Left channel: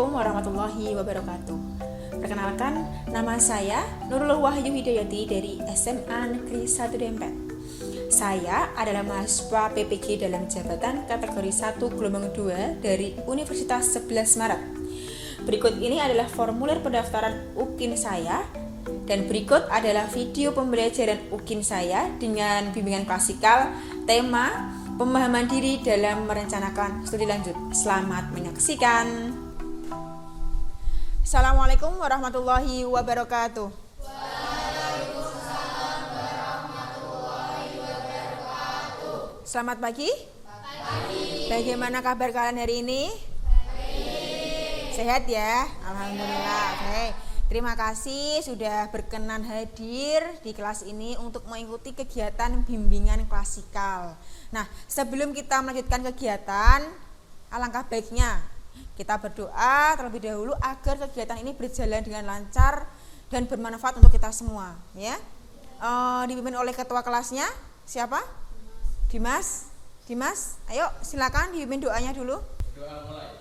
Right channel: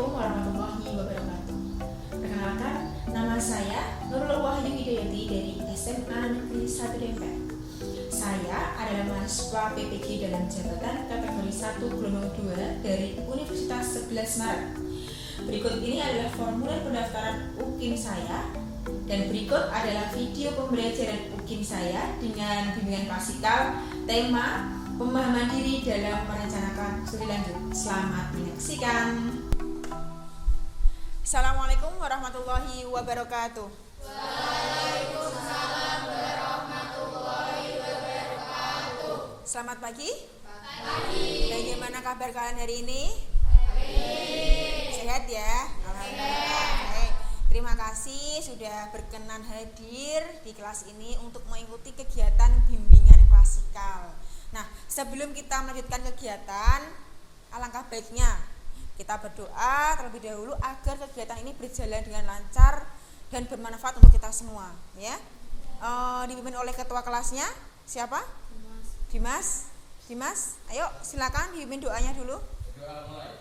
Assalamualaikum warahmatullahi wabarakatuh. Perkenalkan, nama saya Nurul Wahyu Hidayati dari SMA Negeri 1 Dempet. Saya adalah mahasiswa PPG dalam jabatan kategori 1 gelombang 2 dari Universitas 11 Maret. Berikut ini adalah formulir pendaftaran UKIN saya, dan berikut adalah video pembelajaran UKIN saya dengan bimbingan klasikal, tema pemahaman diri dalam merencanakan studi lanjut. Selamat menyaksikan. Assalamualaikum warahmatullahi wabarakatuh. Waalaikumsalam warahmatullahi wabarakatuh. Selamat pagi. Pagi. Bagaimana kabar kalian hari ini? Baik. Sehat ya? Alhamdulillah. Oke. Terima kasih sudah berkenan hadir di kelas ini untuk mengikuti kegiatan bimbingan klasikal. Nah, sebelum kita melanjutkan kegiatan, alangkah baiknya kita berdoa terlebih dahulu agar kegiatan ini berjalan dengan lancar dan bermanfaat untuk kita semua, ya. Dipimpin oleh ketua kelasnya, siapa? Dimas. Dimas, ayo silakan dipimpin doanya dulu. Doa mulai.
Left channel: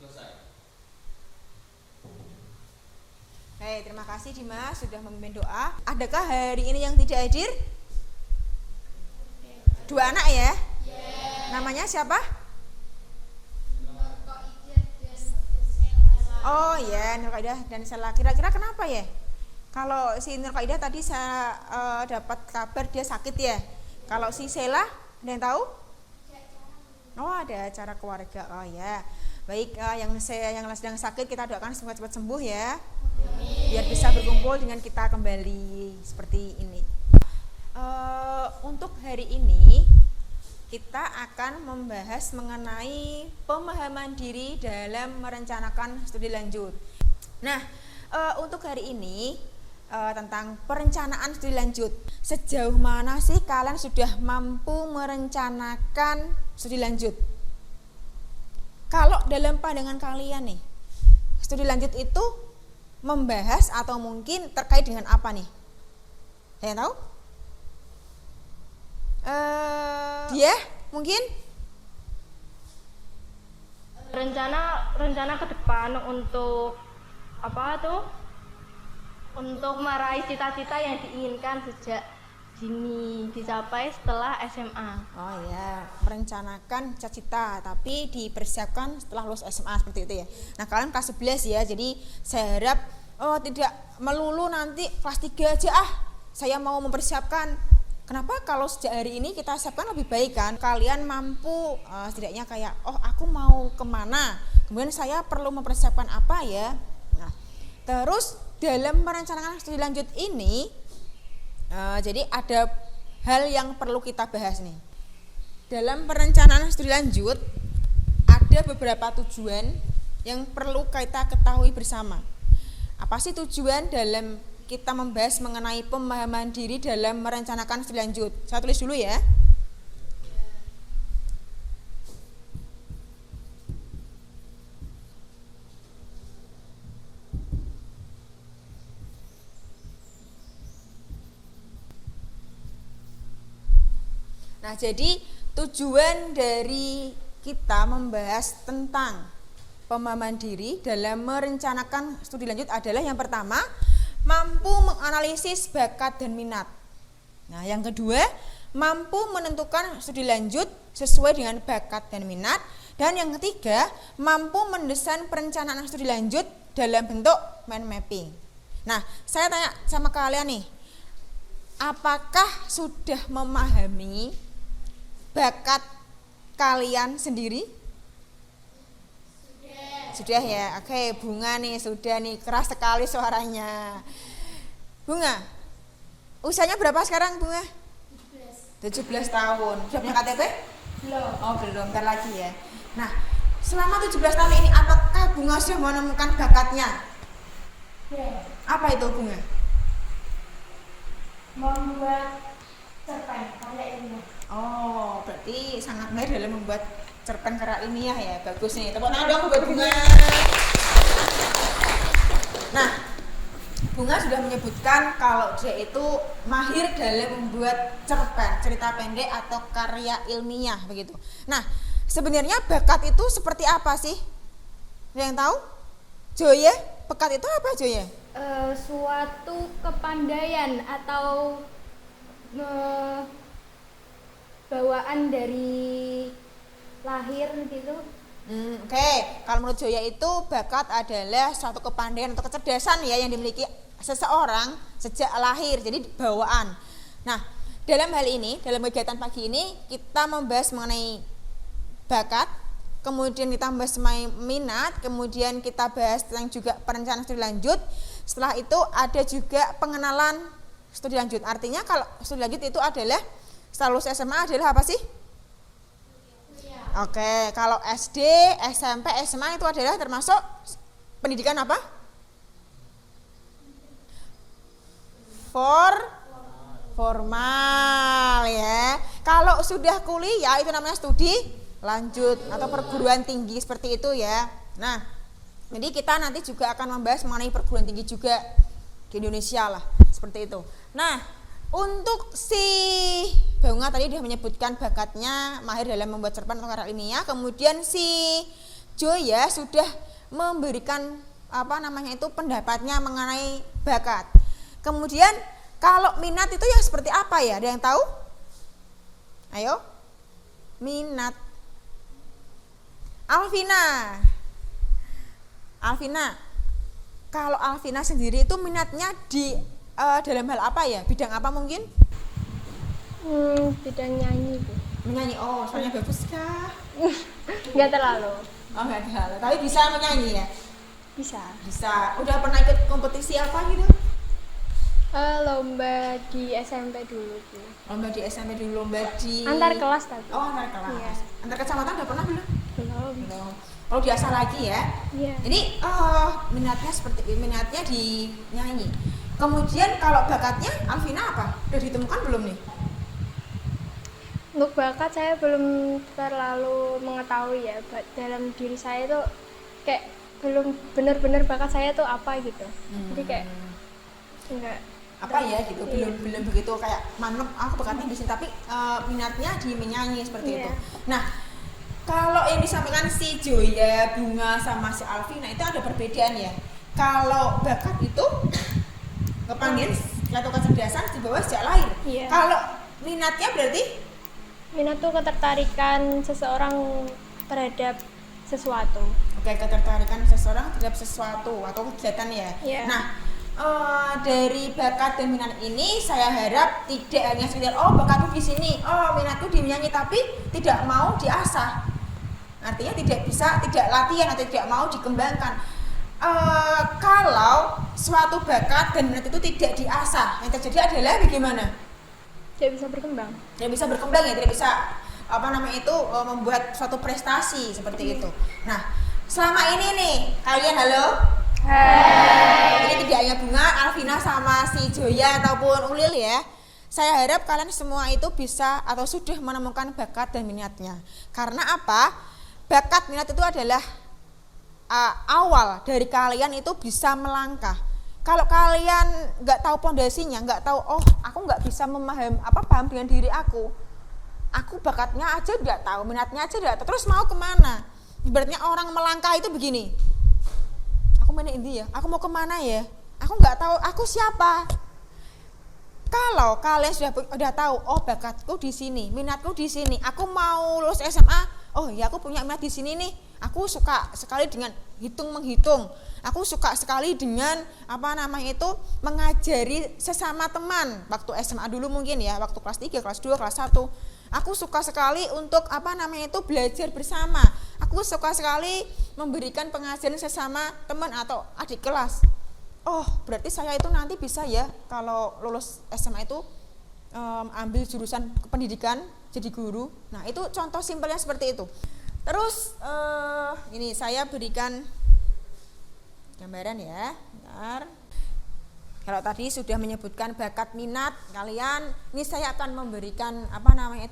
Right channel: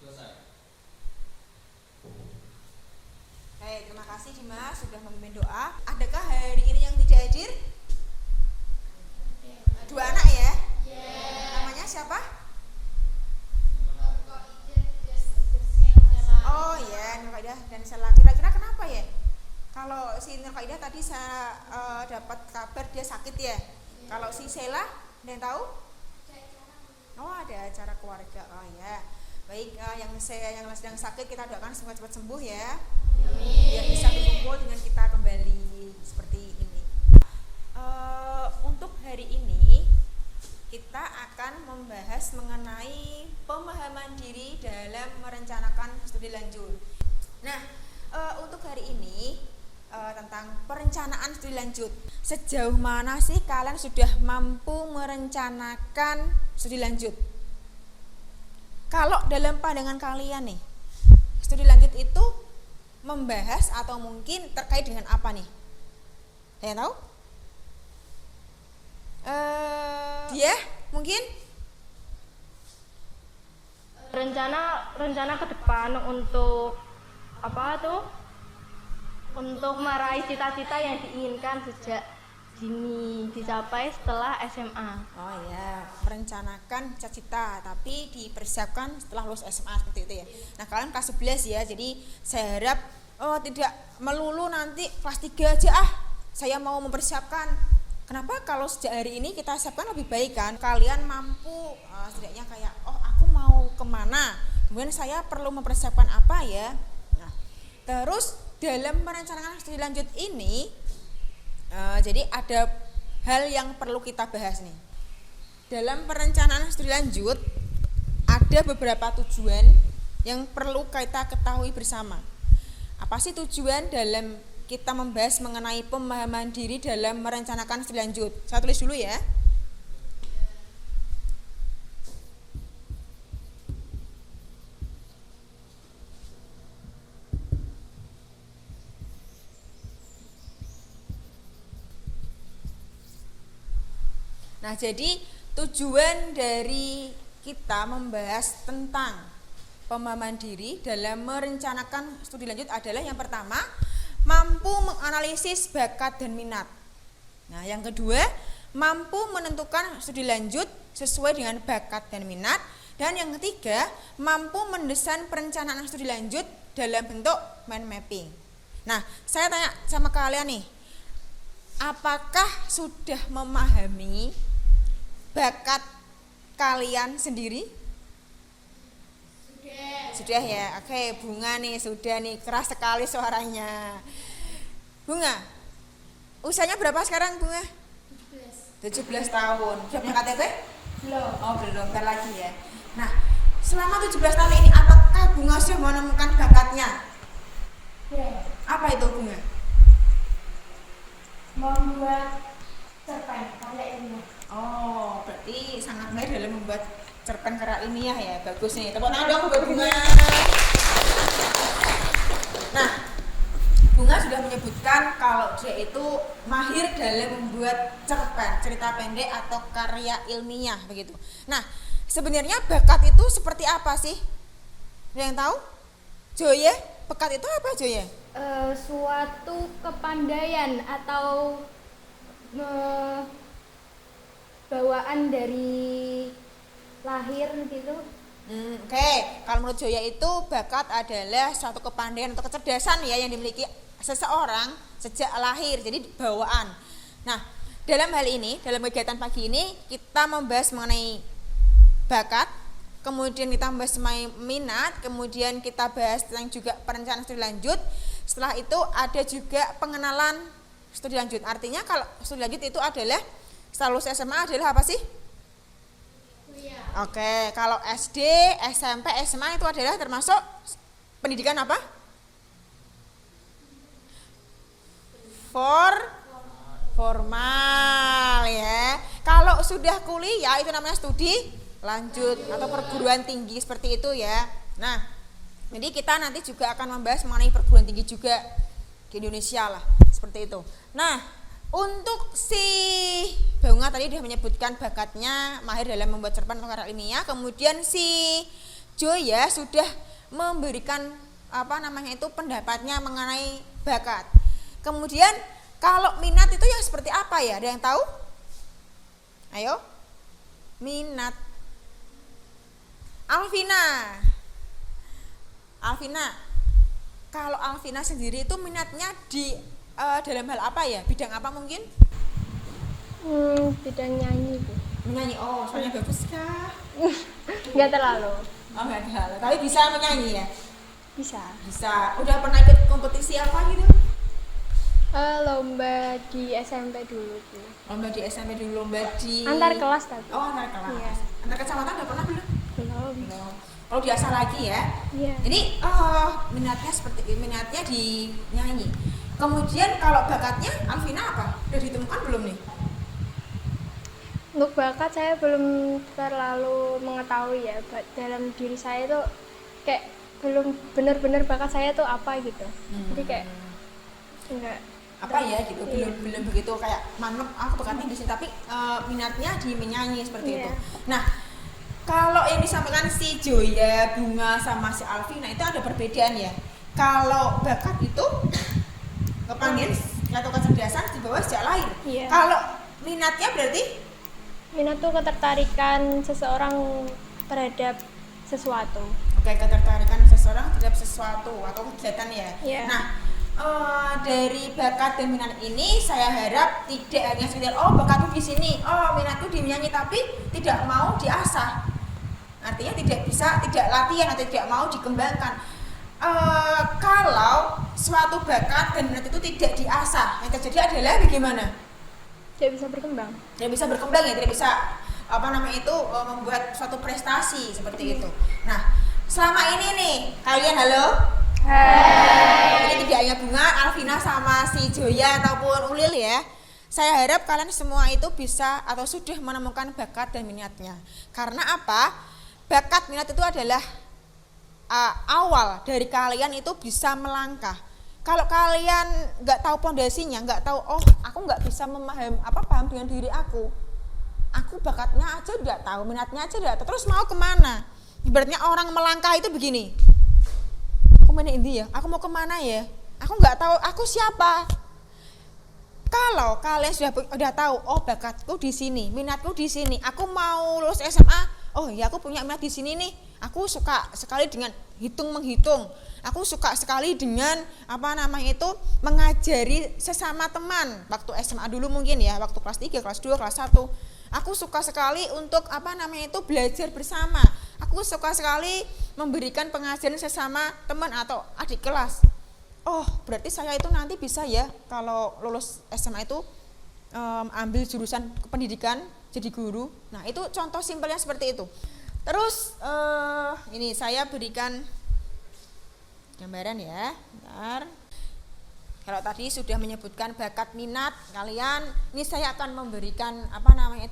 Selesai. Baik, terima kasih Dimas sudah memimpin doa. Adakah hari ini yang tidak hadir? Dua anak ya? Namanya siapa? Oh ya, Nur Qaidah dan Sela. Kira-kira kenapa ya? Kalau si Nur Qaidah tadi saya dapat kabar dia sakit ya. Kalau si Sela, ada yang tahu? Oh, ada acara keluarga. Oh ya. Baik, yang sedang sakit kita doakan semoga cepat sembuh ya. Biar bisa berkumpul dengan kita kembali seperti ini. Untuk hari ini kita akan membahas mengenai pemahaman diri dalam merencanakan studi lanjut. Nah, untuk hari ini tentang perencanaan studi lanjut. Sejauh mana sih kalian sudah mampu merencanakan studi lanjut? Kalau dalam pandangan kalian nih, studi lanjut itu membahas atau mungkin terkait dengan apa nih? Ada yang tahu? Dia mungkin rencana ke depan untuk apa tuh? Untuk meraih cita-cita yang diinginkan sejak dini dicapai setelah SMA. Oh ya, merencanakan cita-cita tapi dipersiapkan setelah lulus SMA seperti itu ya. Nah, kalian kelas 11 ya. Jadi saya harap tidak melulu nanti kelas 3 aja saya mau mempersiapkan. Kenapa kalau sejak hari ini kita siapkan lebih baik kan? Kalian mampu setidaknya kayak aku mau kemana, kemudian saya perlu mempersiapkan apa ya. Nah, terus dalam merencanakan studi lanjut ini jadi ada hal yang perlu kita bahas nih. Dalam perencanaan studi lanjut ada beberapa tujuan yang perlu kita ketahui bersama. Apa sih tujuan dalam kita membahas mengenai pemahaman diri dalam merencanakan studi lanjut? Saya tulis dulu ya. Nah, jadi tujuan dari kita membahas tentang pemahaman diri dalam merencanakan studi lanjut adalah yang pertama, mampu menganalisis bakat dan minat. Nah, yang kedua, mampu menentukan studi lanjut sesuai dengan bakat dan minat. Dan yang ketiga, mampu mendesain perencanaan studi lanjut dalam bentuk mind mapping. Nah, saya tanya sama kalian nih, apakah sudah memahami bakat kalian sendiri? Sudah ya, oke. Bunga nih sudah nih, keras sekali suaranya. Bunga, usianya berapa sekarang Bunga? 17 tahun. Sudah punya KTP? Belum. Oh belum, ntar lagi ya. Nah, selama 17 tahun ini apakah Bunga sudah menemukan bakatnya? Ya. Apa itu Bunga? Membuat cerpen karya ilmiah. Oh, berarti sangat mahir dalam membuat cerpen karya ilmiah ya. Bagus nih, tepuk tangan dong buat Bunga. Nah, Bunga sudah menyebutkan kalau dia itu mahir dalam membuat cerpen, cerita pendek atau karya ilmiah begitu. Nah, sebenarnya bakat itu seperti apa sih? Ada yang tahu? Joya, bakat itu apa Joya? Suatu kepandaian atau bawaan dari lahir gitu. Oke. Kalau menurut Joya itu bakat adalah suatu kepandaian atau kecerdasan ya yang dimiliki seseorang sejak lahir, jadi bawaan. Nah, dalam hal ini, dalam kegiatan pagi ini kita membahas mengenai bakat, kemudian kita membahas mengenai minat, kemudian kita bahas tentang juga perencanaan studi lanjut. Setelah itu ada juga pengenalan studi lanjut. Artinya kalau studi lanjut itu adalah setelah lulus SMA adalah apa sih? Oke, kalau SD, SMP, SMA itu adalah termasuk pendidikan apa? Formal ya. Kalau sudah kuliah itu namanya studi lanjut atau perguruan tinggi seperti itu ya. Nah, jadi kita nanti juga akan membahas mengenai perguruan tinggi juga di Indonesia lah, seperti itu. Nah, untuk si Bunga tadi sudah menyebutkan bakatnya mahir dalam membuat cerpen atau karya ilmiah, kemudian si Joya sudah memberikan pendapatnya mengenai bakat. Kemudian kalau minat itu yang seperti apa ya? Ada yang tahu? Ayo. Minat. Alvina. Kalau Alvina sendiri itu minatnya di dalam hal apa ya? Bidang apa mungkin? Bidang nyanyi Bu. Menyanyi. Oh, soalnya bagus kah? Nggak terlalu. Oh, enggak terlalu. Tapi bisa menyanyi ya? Bisa. Bisa. Udah pernah ikut kompetisi apa gitu? Lomba di SMP dulu Bu. Lomba di SMP dulu, lomba di Antar kelas tapi. Oh, antar kelas. Iya. Antar kecamatan udah pernah belum? Belum. Kalau biasa lagi ya. Iya. Jadi minatnya di nyanyi. Kemudian kalau bakatnya Alvina apa? Udah ditemukan belum nih? Untuk bakat saya belum terlalu mengetahui ya. Dalam diri saya itu kayak belum benar-benar bakat saya tuh apa gitu. Jadi kayak enggak apa ya gitu, iya. belum begitu kayak mantep aku bakatnya di sini, tapi minatnya di menyanyi seperti itu. Nah, kalau yang disampaikan si Joya, Bunga sama si Alvina itu ada perbedaan ya. Kalau bakat itu kepandaian atau kecerdasan di bawah sejak lahir. Iya. Kalau minatnya berarti Minat tuh ketertarikan seseorang terhadap sesuatu. oke, ketertarikan seseorang terhadap sesuatu atau kegiatan ya. Iya. Nah, dari bakat dan minat ini saya harap tidak hanya sekedar bakatku di sini, minatku di menyanyi, tapi tidak mau diasah. Artinya tidak latihan atau tidak mau dikembangkan. Kalau suatu bakat dan minat itu tidak diasah, yang terjadi adalah bagaimana? Tidak bisa berkembang. Tidak bisa berkembang ya, tidak bisa membuat suatu prestasi seperti itu. Nah, selama ini nih kalian halo. Hai. Ini tidak hanya Bunga, Alvina sama si Joya ataupun Ulil ya. Saya harap kalian semua itu bisa atau sudah menemukan bakat dan minatnya. Karena apa? Bakat minat itu adalah awal dari kalian itu bisa melangkah. Kalau kalian nggak tahu pondasinya, nggak tahu, aku nggak bisa paham dengan diri aku bakatnya aja nggak tahu, minatnya aja nggak tahu, terus mau kemana? Ibaratnya orang melangkah itu begini, aku mana ini ya, aku mau kemana ya, aku nggak tahu aku siapa. Kalau kalian sudah tahu, bakatku di sini, minatku di sini, aku mau lulus SMA, aku punya minat di sini nih, aku suka sekali dengan menghitung, aku suka sekali dengan mengajari sesama teman waktu SMA dulu mungkin ya, waktu kelas 3, kelas 2, kelas 1. Aku suka sekali untuk belajar bersama. Aku suka sekali memberikan pengajaran sesama teman atau adik kelas. Berarti saya itu nanti bisa ya kalau lulus SMA itu ambil jurusan pendidikan jadi guru. Nah, itu contoh simpelnya seperti itu. Terus ini saya berikan gambaran ya. Bentar. Kalau tadi sudah menyebutkan bakat minat kalian, ini saya akan memberikan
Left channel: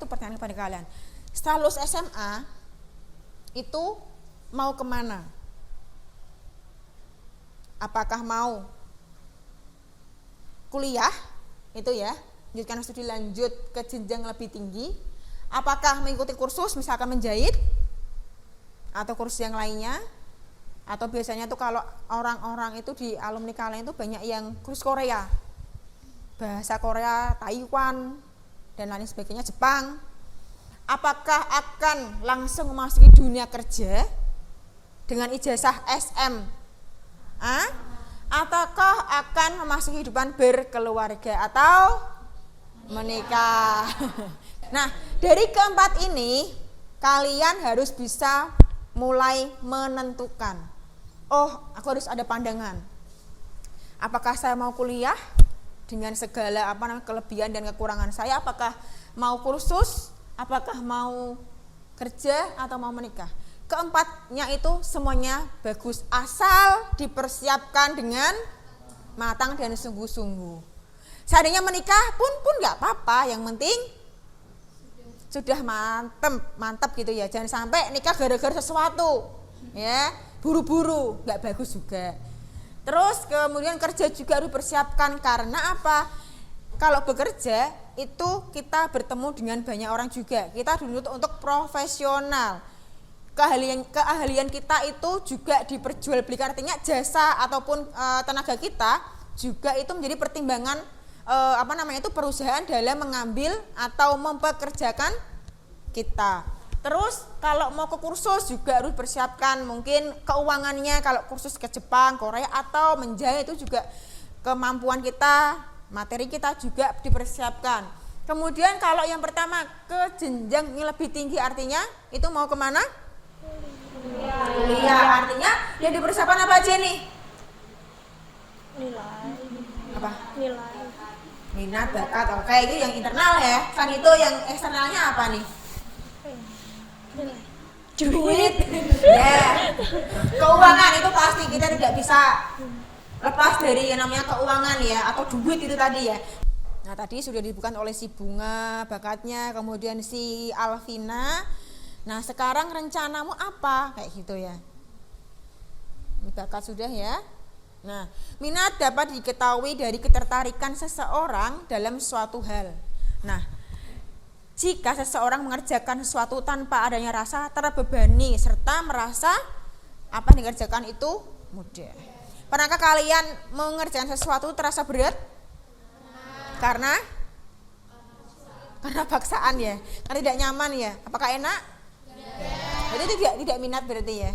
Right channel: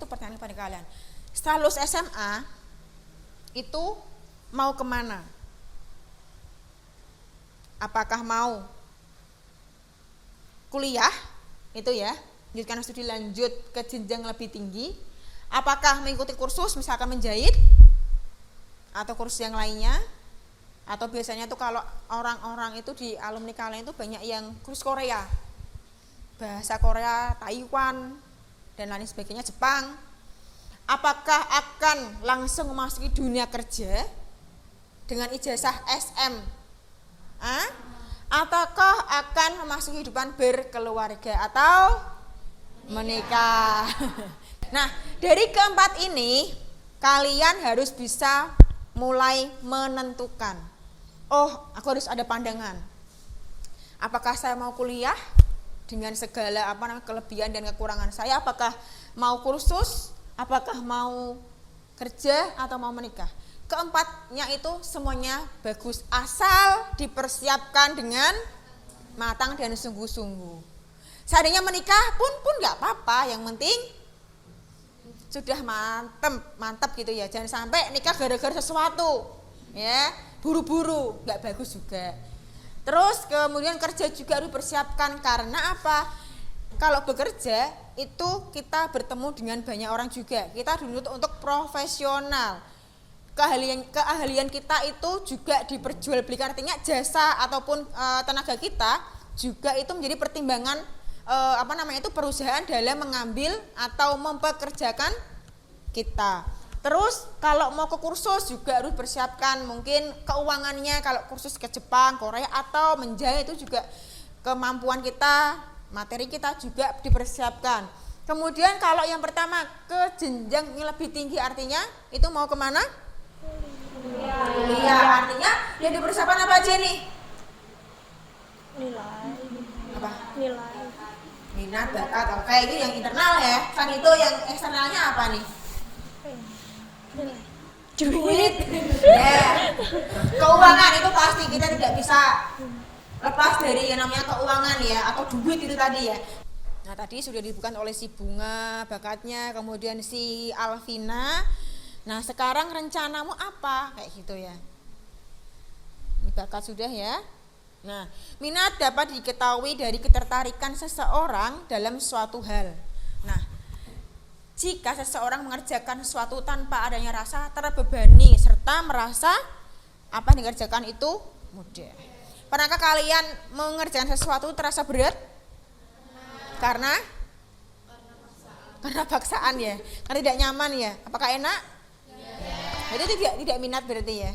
pertanyaan kepada kalian. Setelah lulus SMA itu mau kemana? Apakah mau kuliah itu ya, lanjutkan studi lanjut ke jenjang lebih tinggi? Apakah mengikuti kursus misalkan menjahit atau kursus yang lainnya. Atau biasanya tuh kalau orang-orang itu di alumni kalian itu banyak yang kursus Korea, bahasa Korea, Taiwan, dan lain sebagainya, Jepang. Apakah akan langsung memasuki dunia kerja dengan ijazah SM? Ataukah akan memasuki kehidupan berkeluarga atau menikah? Nah, dari keempat ini kalian harus bisa mulai menentukan. Oh, aku harus ada pandangan. Apakah saya mau kuliah dengan segala kelebihan dan kekurangan saya? Apakah mau kursus? Apakah mau kerja atau mau menikah? Keempatnya itu semuanya bagus asal dipersiapkan dengan matang dan sungguh-sungguh. Seandainya menikah pun nggak apa-apa, yang penting sudah mantep gitu ya. Jangan sampai nikah gara-gara sesuatu, ya, buru-buru, nggak bagus juga. Terus kemudian kerja juga harus dipersiapkan, karena apa? Kalau bekerja itu kita bertemu dengan banyak orang juga. Kita dituntut untuk profesional. Keahlian kita itu juga diperjualbelikan, artinya jasa ataupun tenaga kita juga itu menjadi pertimbangan perusahaan dalam mengambil atau mempekerjakan kita. Terus kalau mau ke kursus juga harus persiapkan mungkin keuangannya, kalau kursus ke Jepang, Korea atau menjahit itu juga kemampuan kita, materi kita juga dipersiapkan. Kemudian kalau yang pertama ke jenjang yang lebih tinggi, artinya itu mau kemana? Kuliah. Artinya yang dipersiapkan apa aja nih? Nilai. Apa? Nilai. Minat, bakat, oke, itu yang internal ya. Kan itu yang eksternalnya apa nih? Nilai. Duit. Ya. Keuangan itu pasti kita tidak bisa lepas dari yang namanya keuangan ya, atau duit itu tadi ya. Nah, tadi sudah disebutkan oleh si Bunga bakatnya, kemudian si Alvina. Nah, sekarang rencanamu apa? Kayak gitu ya. Ini bakat sudah ya. Nah, minat dapat diketahui dari ketertarikan seseorang dalam suatu hal. Nah, jika seseorang mengerjakan sesuatu tanpa adanya rasa terbebani serta merasa apa yang dikerjakan itu mudah. Pernahkah kalian mengerjakan sesuatu terasa berat? Karena paksaan ya, karena tidak nyaman ya. Apakah enak? Jadi tidak minat berarti ya.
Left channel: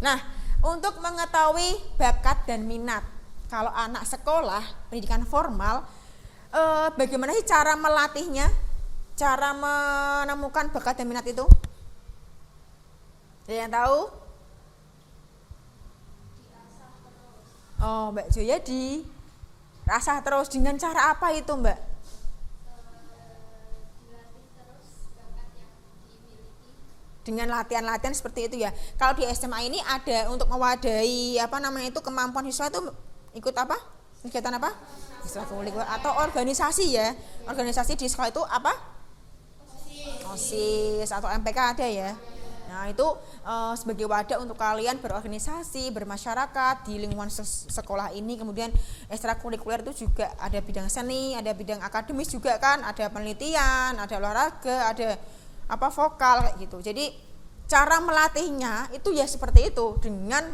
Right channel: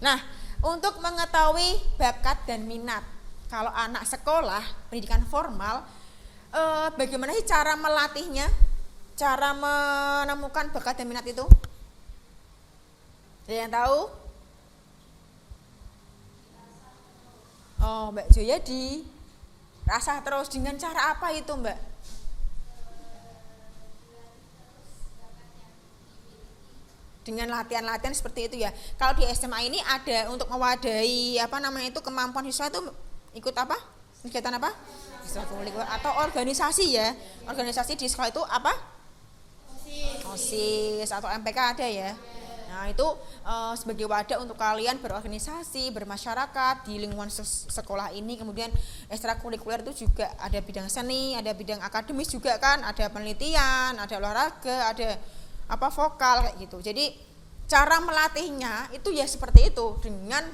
Nah, untuk mengetahui bakat dan minat, kalau anak sekolah pendidikan formal, bagaimana sih cara melatihnya, cara menemukan bakat dan minat itu? Ada yang tahu? Oh, Mbak Joya di rasah terus, dengan cara apa itu, Mbak? Dengan latihan-latihan seperti itu ya. Kalau di SMA ini ada untuk mewadahi kemampuan siswa itu ikut apa? Kegiatan apa? Ekstrakurikuler atau organisasi ya. Organisasi di sekolah itu apa? OSIS atau MPK ada ya. Nah, itu sebagai wadah untuk kalian berorganisasi, bermasyarakat di lingkungan sekolah ini. Kemudian ekstrakurikuler itu juga ada bidang seni, ada bidang akademis juga kan, ada penelitian, ada olahraga, ada vokal kayak gitu. Jadi cara melatihnya itu ya seperti itu, dengan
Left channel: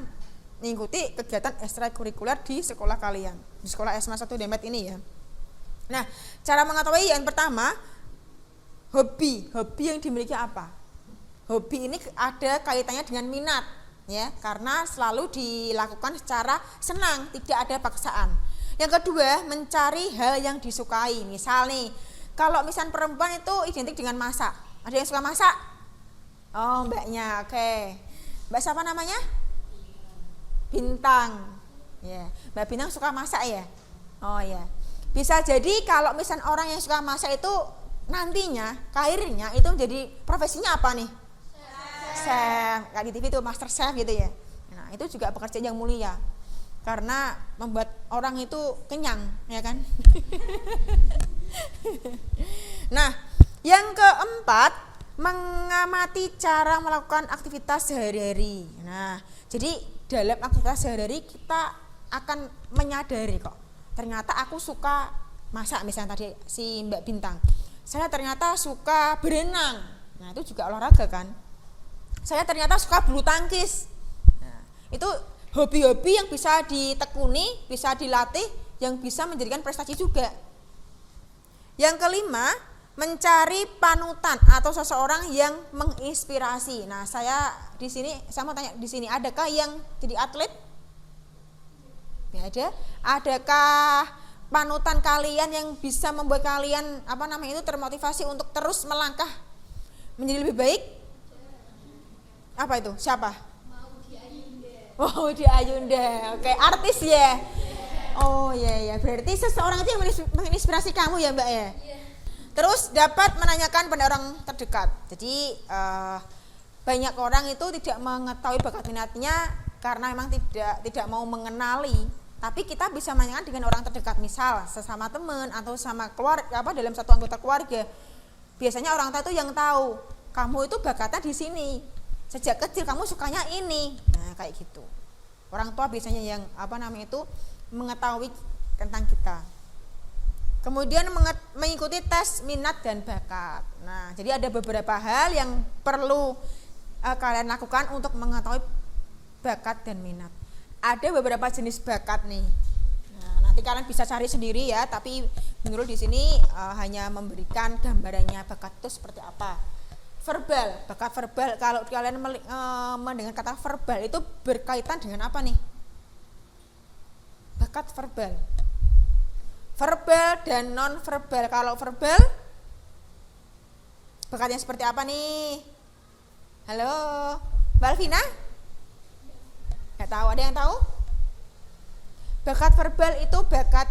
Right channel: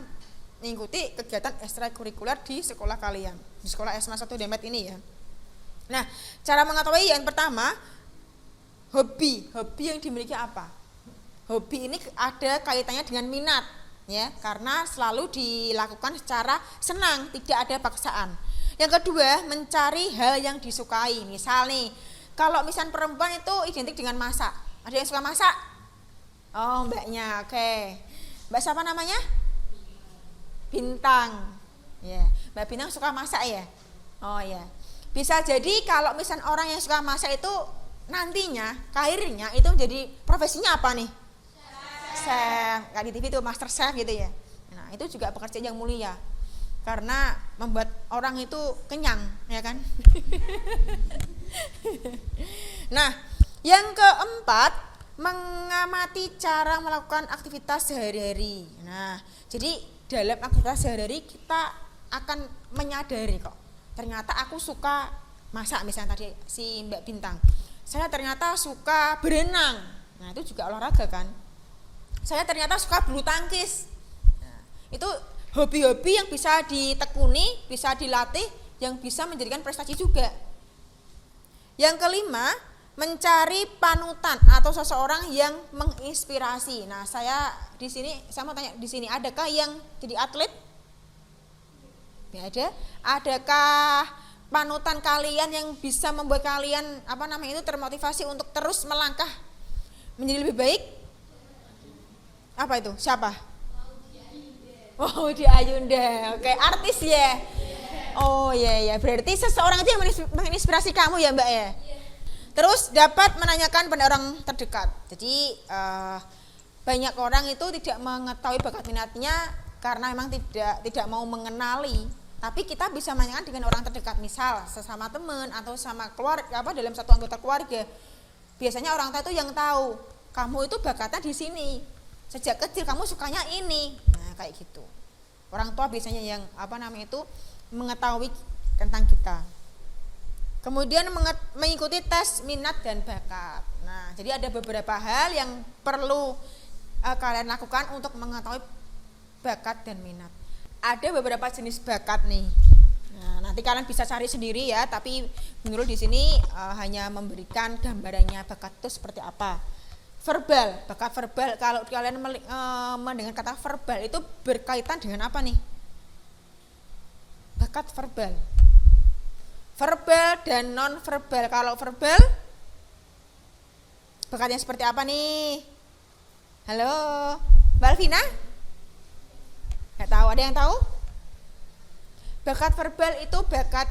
mengikuti kegiatan ekstrakurikuler di sekolah kalian, di sekolah SMA 1 Demet ini ya. Nah, cara mengetahui yang pertama, hobi yang dimiliki apa? Hobi ini ada kaitannya dengan minat ya, karena selalu dilakukan secara senang, tidak ada paksaan. Yang kedua, mencari hal yang disukai. Misal nih, kalau misal perempuan itu identik dengan masak. Ada yang suka masak? Oh, mbaknya, oke. Mbak siapa namanya? Bintang. Ya, Mbak Bintang suka masak ya? Oh ya. Bisa jadi kalau misal orang yang suka masak itu nantinya karirnya itu menjadi profesinya apa nih? Chef. Kayak di TV itu master chef gitu ya. Nah, itu juga pekerjaan yang mulia. Karena membuat orang itu kenyang, ya kan? Nah, yang keempat, mengamati cara melakukan aktivitas sehari-hari. Nah, jadi dalam aktivitas sehari-hari kita akan menyadari kok, ternyata aku suka masak, misalnya tadi si Mbak Bintang. Saya ternyata suka berenang. Nah, itu juga olahraga kan? saya ternyata suka bulu tangkis. Nah, itu hobi-hobi yang bisa ditekuni, bisa dilatih, yang bisa menjadikan prestasi juga. Yang kelima, mencari panutan atau seseorang yang menginspirasi. Nah, saya mau tanya di sini, adakah yang jadi atlet? Ya ada. Adakah panutan kalian yang bisa membuat kalian termotivasi untuk terus melangkah menjadi lebih baik? Apa itu? Siapa? Maudy Ayunda. Oke, artis ya. Oh iya, berarti seseorang itu yang menginspirasi kamu ya Mbak ya. Terus dapat menanyakan pada orang terdekat. Jadi banyak orang itu tidak mengetahui bakat minatnya karena memang tidak mau mengenali. Tapi kita bisa menanyakan dengan orang terdekat, misal sesama teman atau sama keluarga, dalam satu anggota keluarga. Biasanya orang tua itu yang tahu kamu itu bakatnya di sini. Sejak kecil kamu sukanya ini. Nah, kayak gitu. Orang tua biasanya yang mengetahui tentang kita. Kemudian mengikuti tes minat dan bakat. Nah, jadi ada beberapa hal yang perlu kalian lakukan untuk mengetahui bakat dan minat. Ada beberapa jenis bakat nih. Nah, nanti kalian bisa cari sendiri ya, tapi menurut di sini hanya memberikan gambarannya bakat itu seperti apa. Verbal, bakat verbal. Kalau kalian mendengar kata verbal itu berkaitan dengan apa nih? Bakat verbal. Verbal dan non verbal. Kalau verbal bakatnya seperti apa nih? Halo, Mbak Alvina? Gak tahu, ada yang tahu? Bakat verbal itu bakat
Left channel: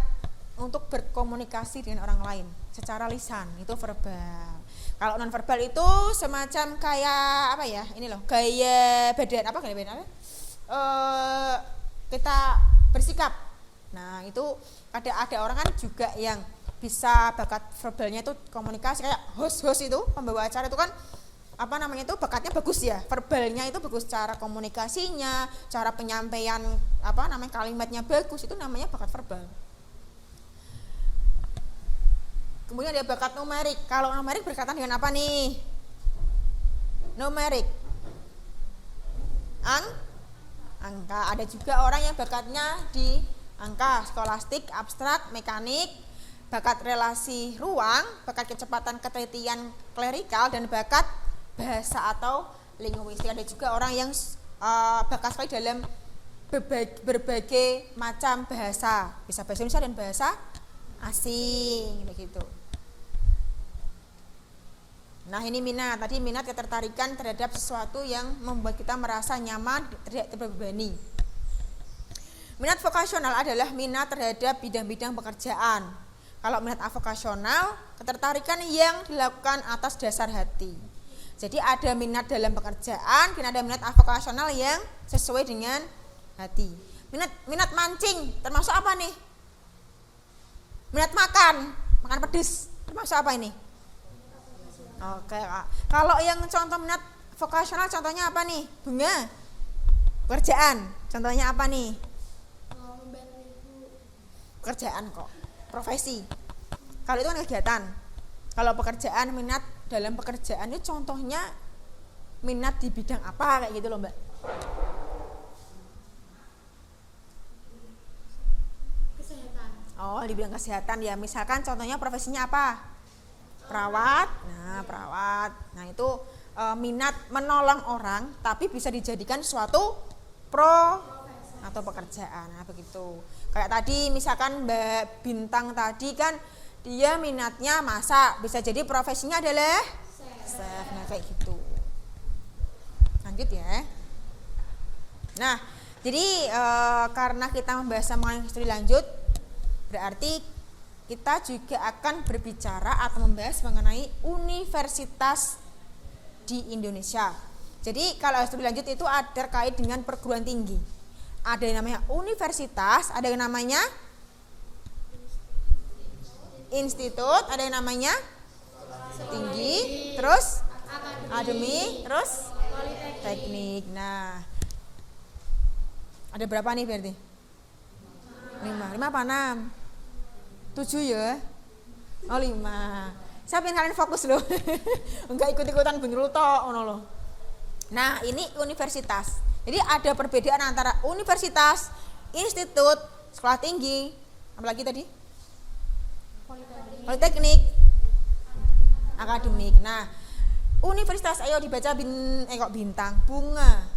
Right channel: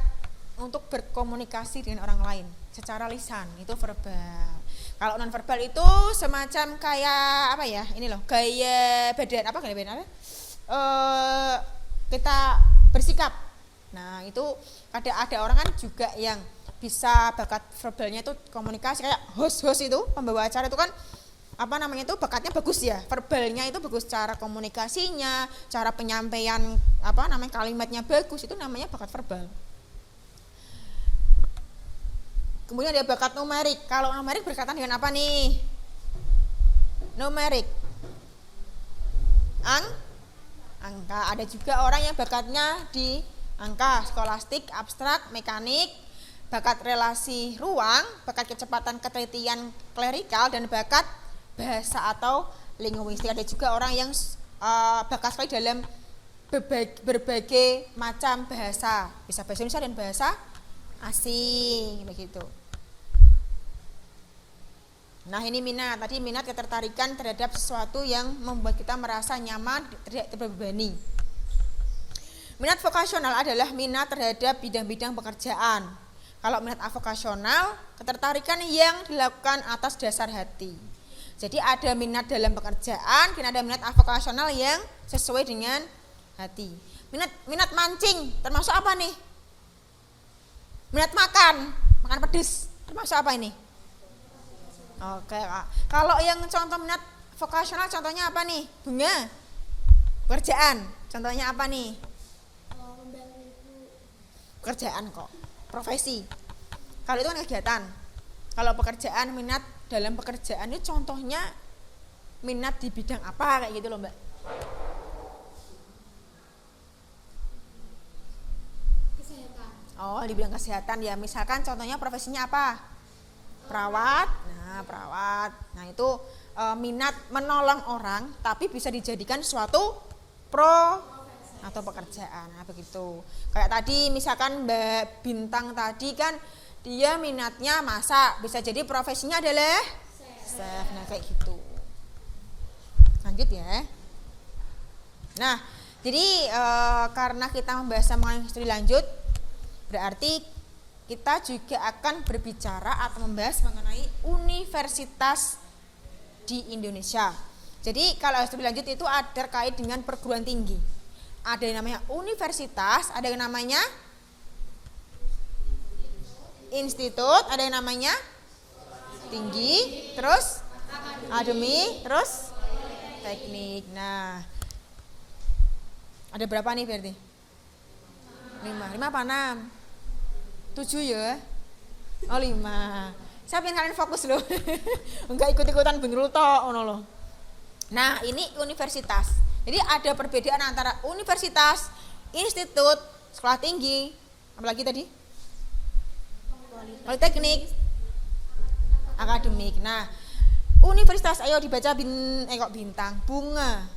untuk berkomunikasi dengan orang lain secara lisan, itu verbal. Kalau non verbal itu semacam kayak gaya badan, kita bersikap. Nah, itu ada orang kan juga yang bisa bakat verbalnya itu komunikasi, kayak host itu pembawa acara itu kan bakatnya bagus ya, verbalnya itu bagus, cara komunikasinya, cara penyampaian kalimatnya bagus, itu namanya bakat verbal. Kemudian ada bakat numerik. Kalau numerik berkaitan dengan apa nih? Numerik, angka. Ada juga orang yang bakatnya di angka, skolastik, abstrak, mekanik, bakat relasi ruang, bakat kecepatan ketelitian klerikal, dan bakat bahasa atau linguistik. Ada juga orang yang bakat sekali dalam berbagai macam bahasa, bisa bahasa Indonesia dan bahasa asing, begitu. Nah, ini minat. Tadi minat ketertarikan terhadap sesuatu yang membuat kita merasa nyaman, tidak terbebani. Minat vokasional adalah minat terhadap bidang-bidang pekerjaan. Kalau minat avokasional, ketertarikan yang dilakukan atas dasar hati. Jadi ada minat dalam pekerjaan, dan ada minat avokasional yang sesuai dengan hati. Minat mancing termasuk apa nih? Minat makan pedes termasuk apa ini? Oke, kalau yang contoh minat vokasional contohnya apa nih? Bunga, pekerjaan contohnya apa nih? Pekerjaan kok, profesi. Kalau itu kan kegiatan. Kalau pekerjaan, minat dalam pekerjaan itu contohnya minat di bidang apa, kayak gitu loh Mbak. Kesehatan. Oh, di bidang kesehatan ya. Misalkan contohnya profesinya apa? Perawat. Nah, perawat. Nah, itu minat menolong orang tapi bisa dijadikan suatu atau pekerjaan. Nah, begitu. Kayak tadi misalkan Mbak Bintang tadi kan dia minatnya masak, bisa jadi profesinya adalah chef. Nah, kayak gitu. Lanjut ya. Nah, jadi karena kita membahas mengenai studi lanjut, berarti kita juga akan berbicara atau membahas mengenai universitas di Indonesia. Jadi kalau studi lanjut itu ada terkait dengan perguruan tinggi. Ada yang namanya universitas, ada yang namanya institut, ada yang namanya tinggi, terus akademi, terus teknik. Nah, ada berapa nih berarti? 5 apa 6? 7 ya? Oh 5. Siapa yang kalian fokus loh? Enggak ikut-ikutan bener toh, ono loh. Nah, ini universitas. Jadi ada perbedaan antara universitas, institut, sekolah tinggi, apalagi tadi? Politeknik, akademik. Nah, universitas, ayo dibaca bintang, bunga.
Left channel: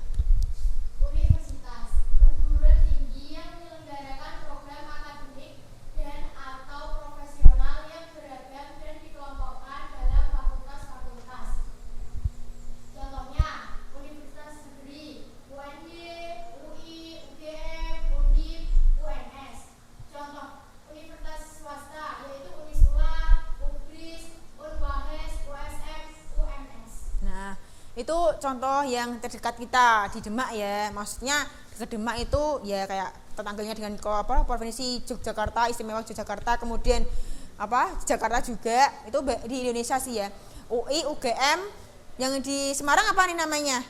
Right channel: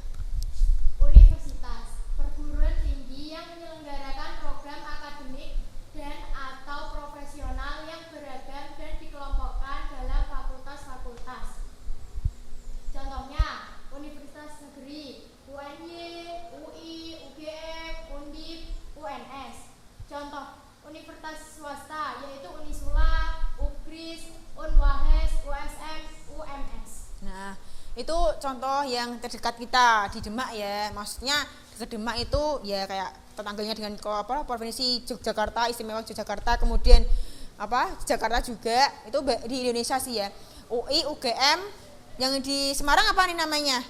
Universitas, perguruan tinggi yang menyelenggarakan program akademik dan atau profesional yang beragam dan dikelompokkan dalam fakultas-fakultas. Contohnya, Universitas Negeri, UNY, UI, UGM, Undip, UNS. Contoh, universitas swasta yaitu Unisula, Ukris, Unwahes, USM, UMS. Nah, itu contoh yang terdekat kita di Demak ya. Maksudnya dekat Demak itu ya kayak tetangganya dengan provinsi Yogyakarta, istimewa Yogyakarta, kemudian Jakarta juga, itu di Indonesia sih ya. UI, UGM, yang di Semarang apa nih namanya?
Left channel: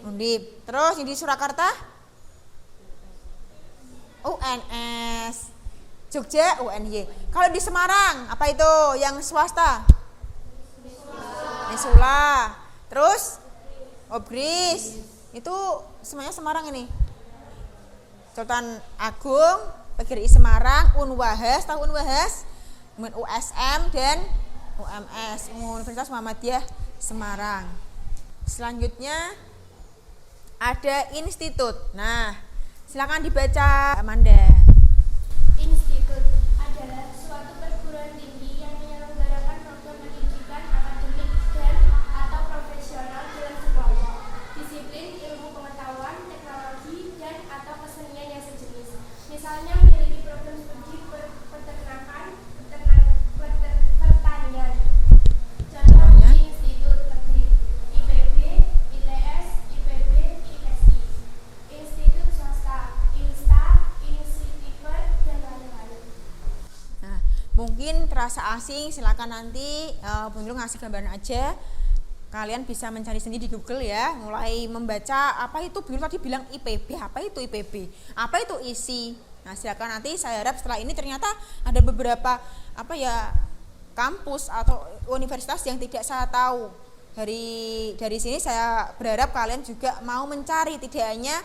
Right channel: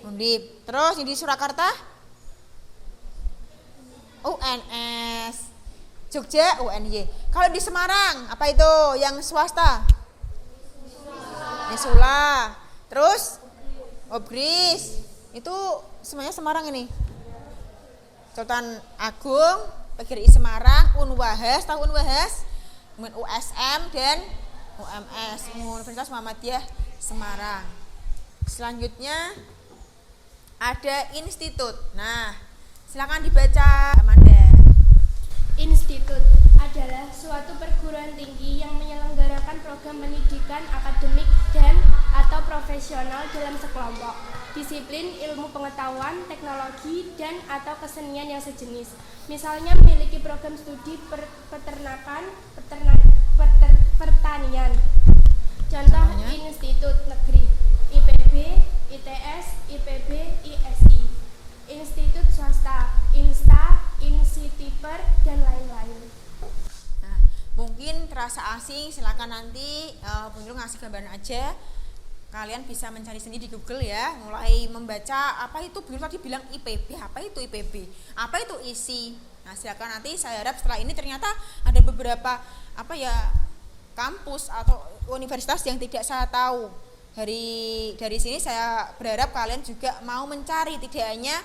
Undip. Terus yang di Surakarta? UNS. Jogja UNY. Kalau di Semarang apa itu yang swasta? Nisula. Terus Obris. Itu semuanya Semarang ini. Sultan Agung, PGRI Semarang, Unwahes, tahu Unwahes? Kemudian USM dan UMS, Universitas Muhammadiyah Semarang. Selanjutnya ada institut. Nah, silakan dibaca Amanda. Institut adalah suatu perguruan tinggi yang menyelenggarakan program pendidikan akademik dan atau profesional dalam sekelompok disiplin ilmu pengetahuan, teknologi, dan atau kesenian yang sejenis. Misalnya memiliki program studi peternakan, pertanian. Contoh institut negeri, IPB, ITS, IPB, ISI. Institut swasta, Insta, Insitiver, dan lain-lain. Nah, mungkin terasa asing, silakan nanti Bung Nurul ngasih gambaran aja. Kalian bisa mencari sendiri di Google ya, mulai membaca apa itu. Bung Nurul tadi bilang IPB, apa itu IPB, apa itu ISI. Nah, silakan nanti, saya harap setelah ini ternyata ada beberapa kampus atau universitas yang tidak saya tahu. Dari sini saya berharap kalian juga mau mencari, tidak hanya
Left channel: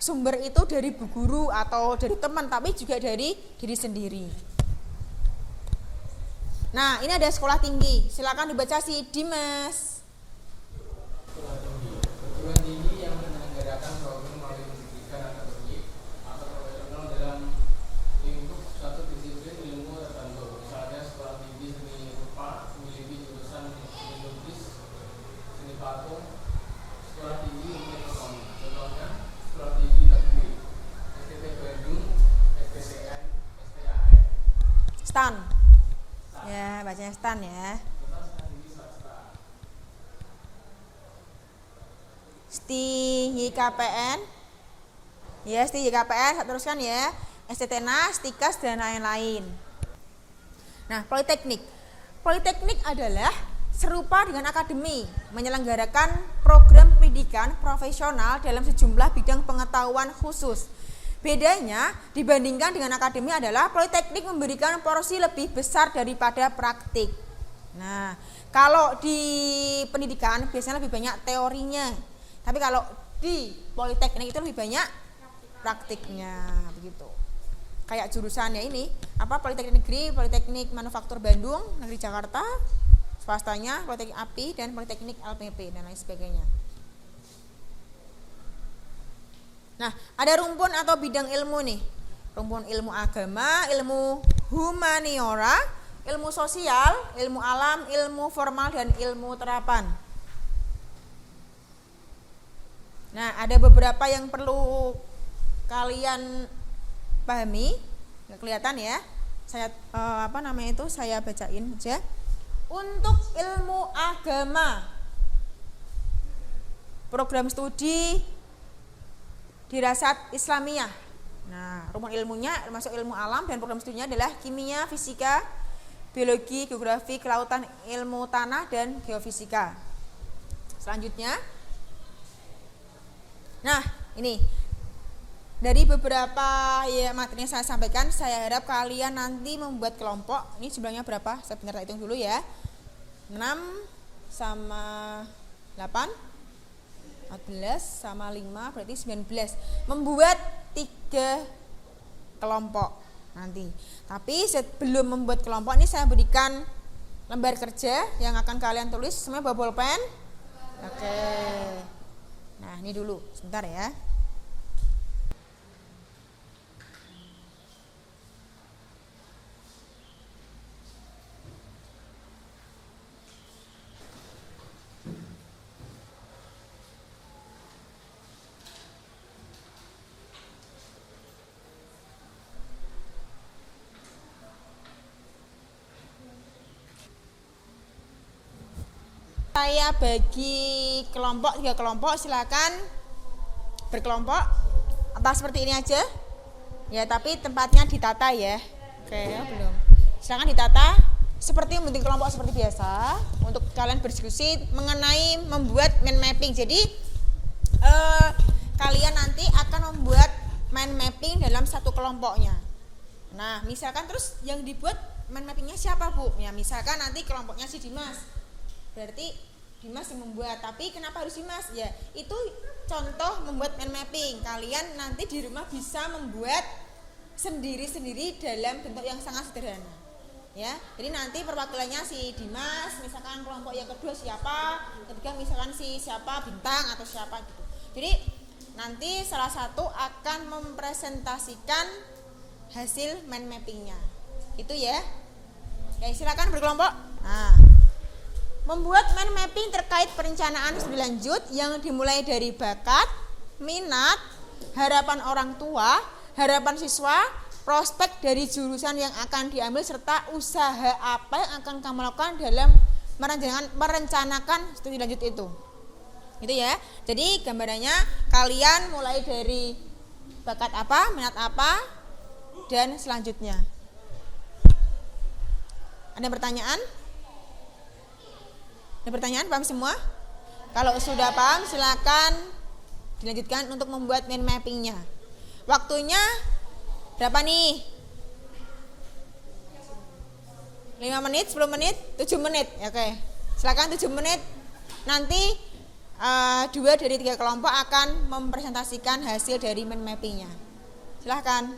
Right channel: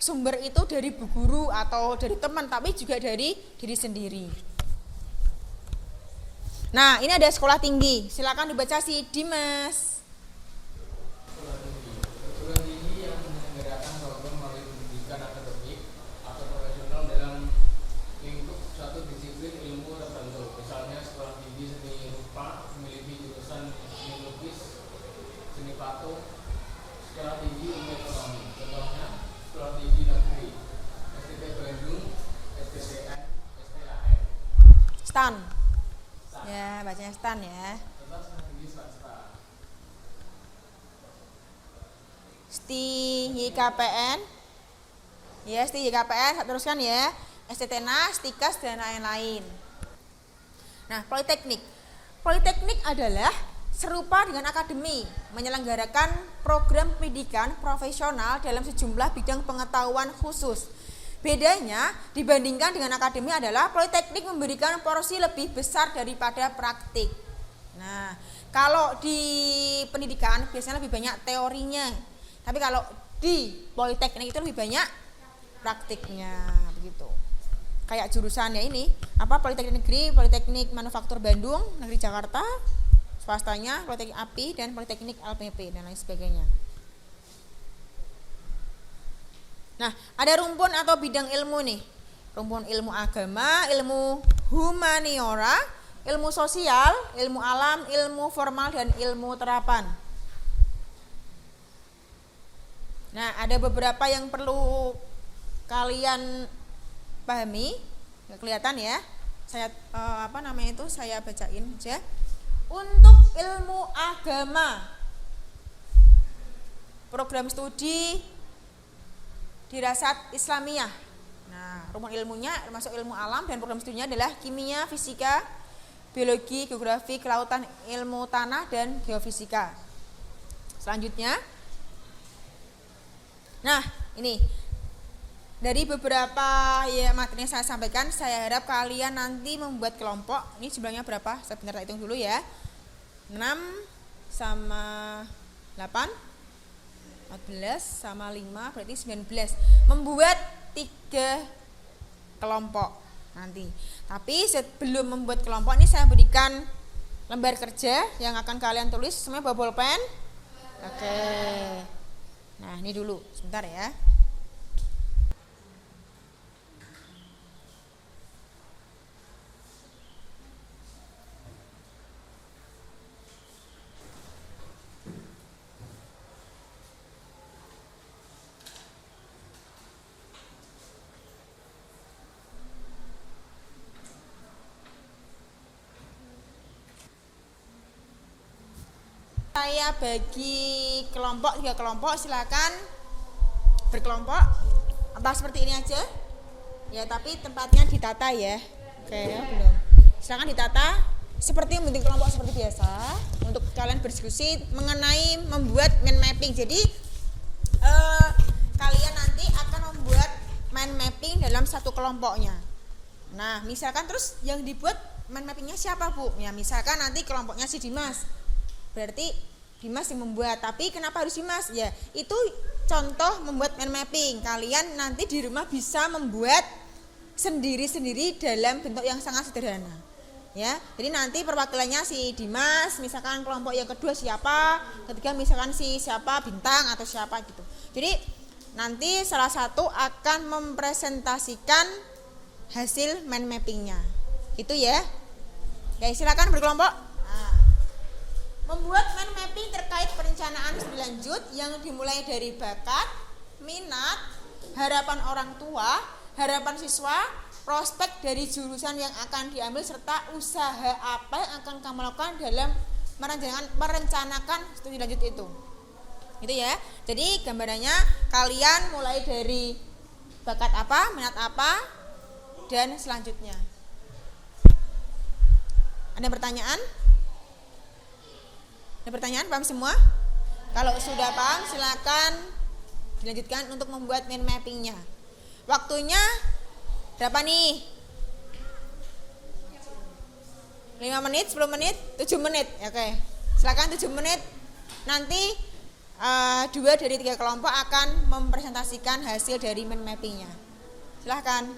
sumber itu dari bu guru atau dari teman, tapi juga dari diri sendiri. Nah, ini ada sekolah tinggi. Silakan dibaca si Dimas. Sekolah tinggi, perguruan tinggi yang menyelenggarakan program melalui pendidikan akademik atau profesional dalam lingkup suatu disiplin ilmu tertentu. Misalnya sekolah tinggi seni rupa memiliki jurusan seni lukis, seni patung, sekolah tinggi ilmu ekonomi. Contohnya sekolah tinggi negeri, STT Bandung, STTN, STAN. Stan. Ya, bacanya Stan ya. Serta sekolah tinggi swasta. STYKPN. Ya, STYKPN, teruskan ya. STTNAS, STIKAS, dan lain-lain. Nah, Politeknik. Politeknik adalah serupa dengan akademi, menyelenggarakan program pendidikan profesional dalam sejumlah bidang pengetahuan khusus. Bedanya dibandingkan dengan akademi adalah Politeknik memberikan porsi lebih besar daripada praktik. Nah, kalau di pendidikan biasanya lebih banyak teorinya, tapi kalau di Politeknik itu lebih banyak praktiknya, begitu. Kayak jurusannya ini, Politeknik Negeri, Politeknik Manufaktur Bandung, Negeri Jakarta, swastanya Politeknik API dan Politeknik LPP dan lain sebagainya. Nah, ada rumpun atau bidang ilmu nih. Rumpun ilmu agama, ilmu humaniora, ilmu sosial, ilmu alam, ilmu formal, dan ilmu terapan. Nah, ada beberapa yang perlu kalian pahami. Nggak kelihatan ya. Saya saya bacain aja. Untuk ilmu agama, program studi Dirasat Islamiyah. Nah, rumpun ilmunya termasuk ilmu alam dan program studinya adalah kimia, fisika, biologi, geografi, kelautan, ilmu tanah, dan geofisika. Selanjutnya, nah ini dari beberapa materi yang saya sampaikan, saya harap kalian nanti membuat kelompok. Ini jumlahnya berapa? Saya bentar hitung dulu ya. 6 sama 8 14 sama 5 berarti 19. Membuat 3 kelompok nanti. Tapi sebelum membuat kelompok ini saya berikan lembar kerja yang akan kalian tulis. Semuanya bawa bolpen? Oke. Nah, ini dulu. Sebentar ya. Saya bagi kelompok 3 kelompok, silakan berkelompok atau seperti ini aja ya, tapi tempatnya ditata ya. Oke ya, belum, silakan ditata seperti membentuk kelompok seperti biasa untuk kalian berdiskusi mengenai membuat mind mapping. Jadi kalian nanti akan membuat mind mapping dalam satu kelompoknya. Nah misalkan terus yang dibuat mind mappingnya siapa Bu? Ya misalkan nanti kelompoknya si Dimas, berarti Dimas yang membuat. Tapi kenapa harus Dimas? Ya itu contoh membuat mind mapping. Kalian nanti di rumah bisa membuat sendiri-sendiri dalam bentuk yang sangat sederhana ya. Jadi nanti perwakilannya si Dimas, misalkan kelompok yang kedua siapa, ketiga misalkan si siapa, Bintang atau siapa gitu. Jadi nanti salah satu akan mempresentasikan hasil mind mappingnya itu ya. Ya silakan berkelompok. Nah, membuat mind mapping terkait perencanaan studi lanjut yang dimulai dari bakat, minat, harapan orang tua, harapan siswa, prospek dari jurusan yang akan diambil, serta usaha apa yang akan kamu lakukan dalam merencanakan studi lanjut itu. Gitu ya. Jadi gambarannya kalian mulai dari bakat apa, minat apa, dan selanjutnya. Ada pertanyaan? Ada pertanyaan? Paham semua? Kalau sudah paham silakan dilanjutkan untuk membuat mind mappingnya. Waktunya berapa nih? 5 menit, 10 menit, 7 menit. Oke. Silakan 7 menit. Nanti 2 dari 3 kelompok akan mempresentasikan hasil dari mind mappingnya. Silakan.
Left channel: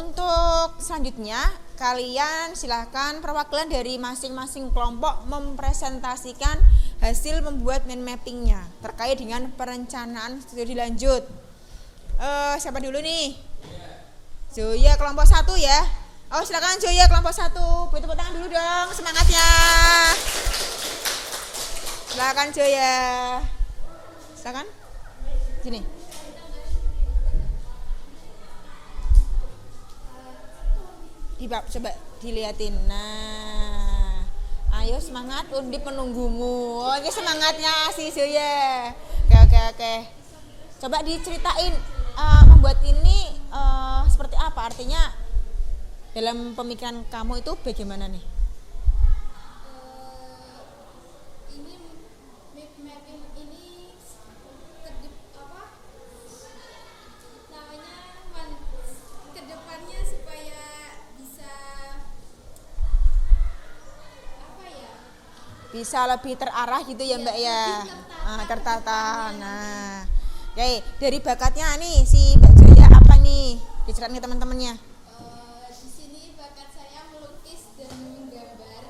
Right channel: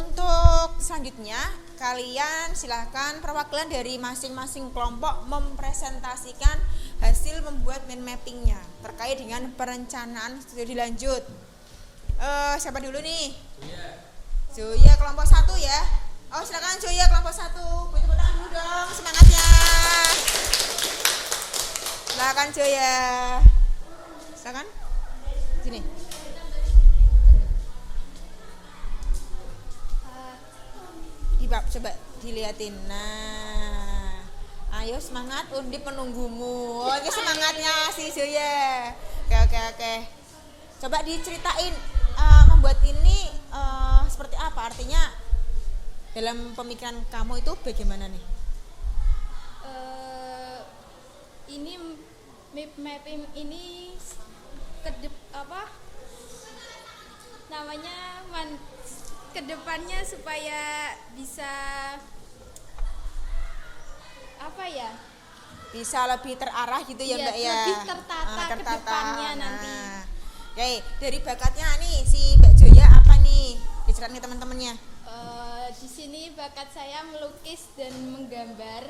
Untuk selanjutnya kalian silahkan perwakilan dari masing-masing kelompok mempresentasikan hasil membuat mind mappingnya terkait dengan perencanaan studi lanjut. Siapa dulu nih? Zoya kelompok 1 ya. Oh silakan Zoya kelompok 1. Beri tepuk tangan dulu dong semangatnya. Silakan Zoya. Silakan. Sini. Coba dilihatin. Nah, ayo semangat, Undip menunggumu. Oh, ini semangatnya si Zoya. Oke. Coba diceritain membuat ini seperti apa? Artinya dalam pemikiran kamu itu bagaimana nih? Ini map mapping ini kedepannya supaya bisa bisa lebih terarah gitu ya Mbak ya. Lebih tertata. Nah, oke, dari bakatnya nih si Mbak Zoya apa nih? Diceritain ke teman-temannya. Di sini bakat saya melukis dan menggambar.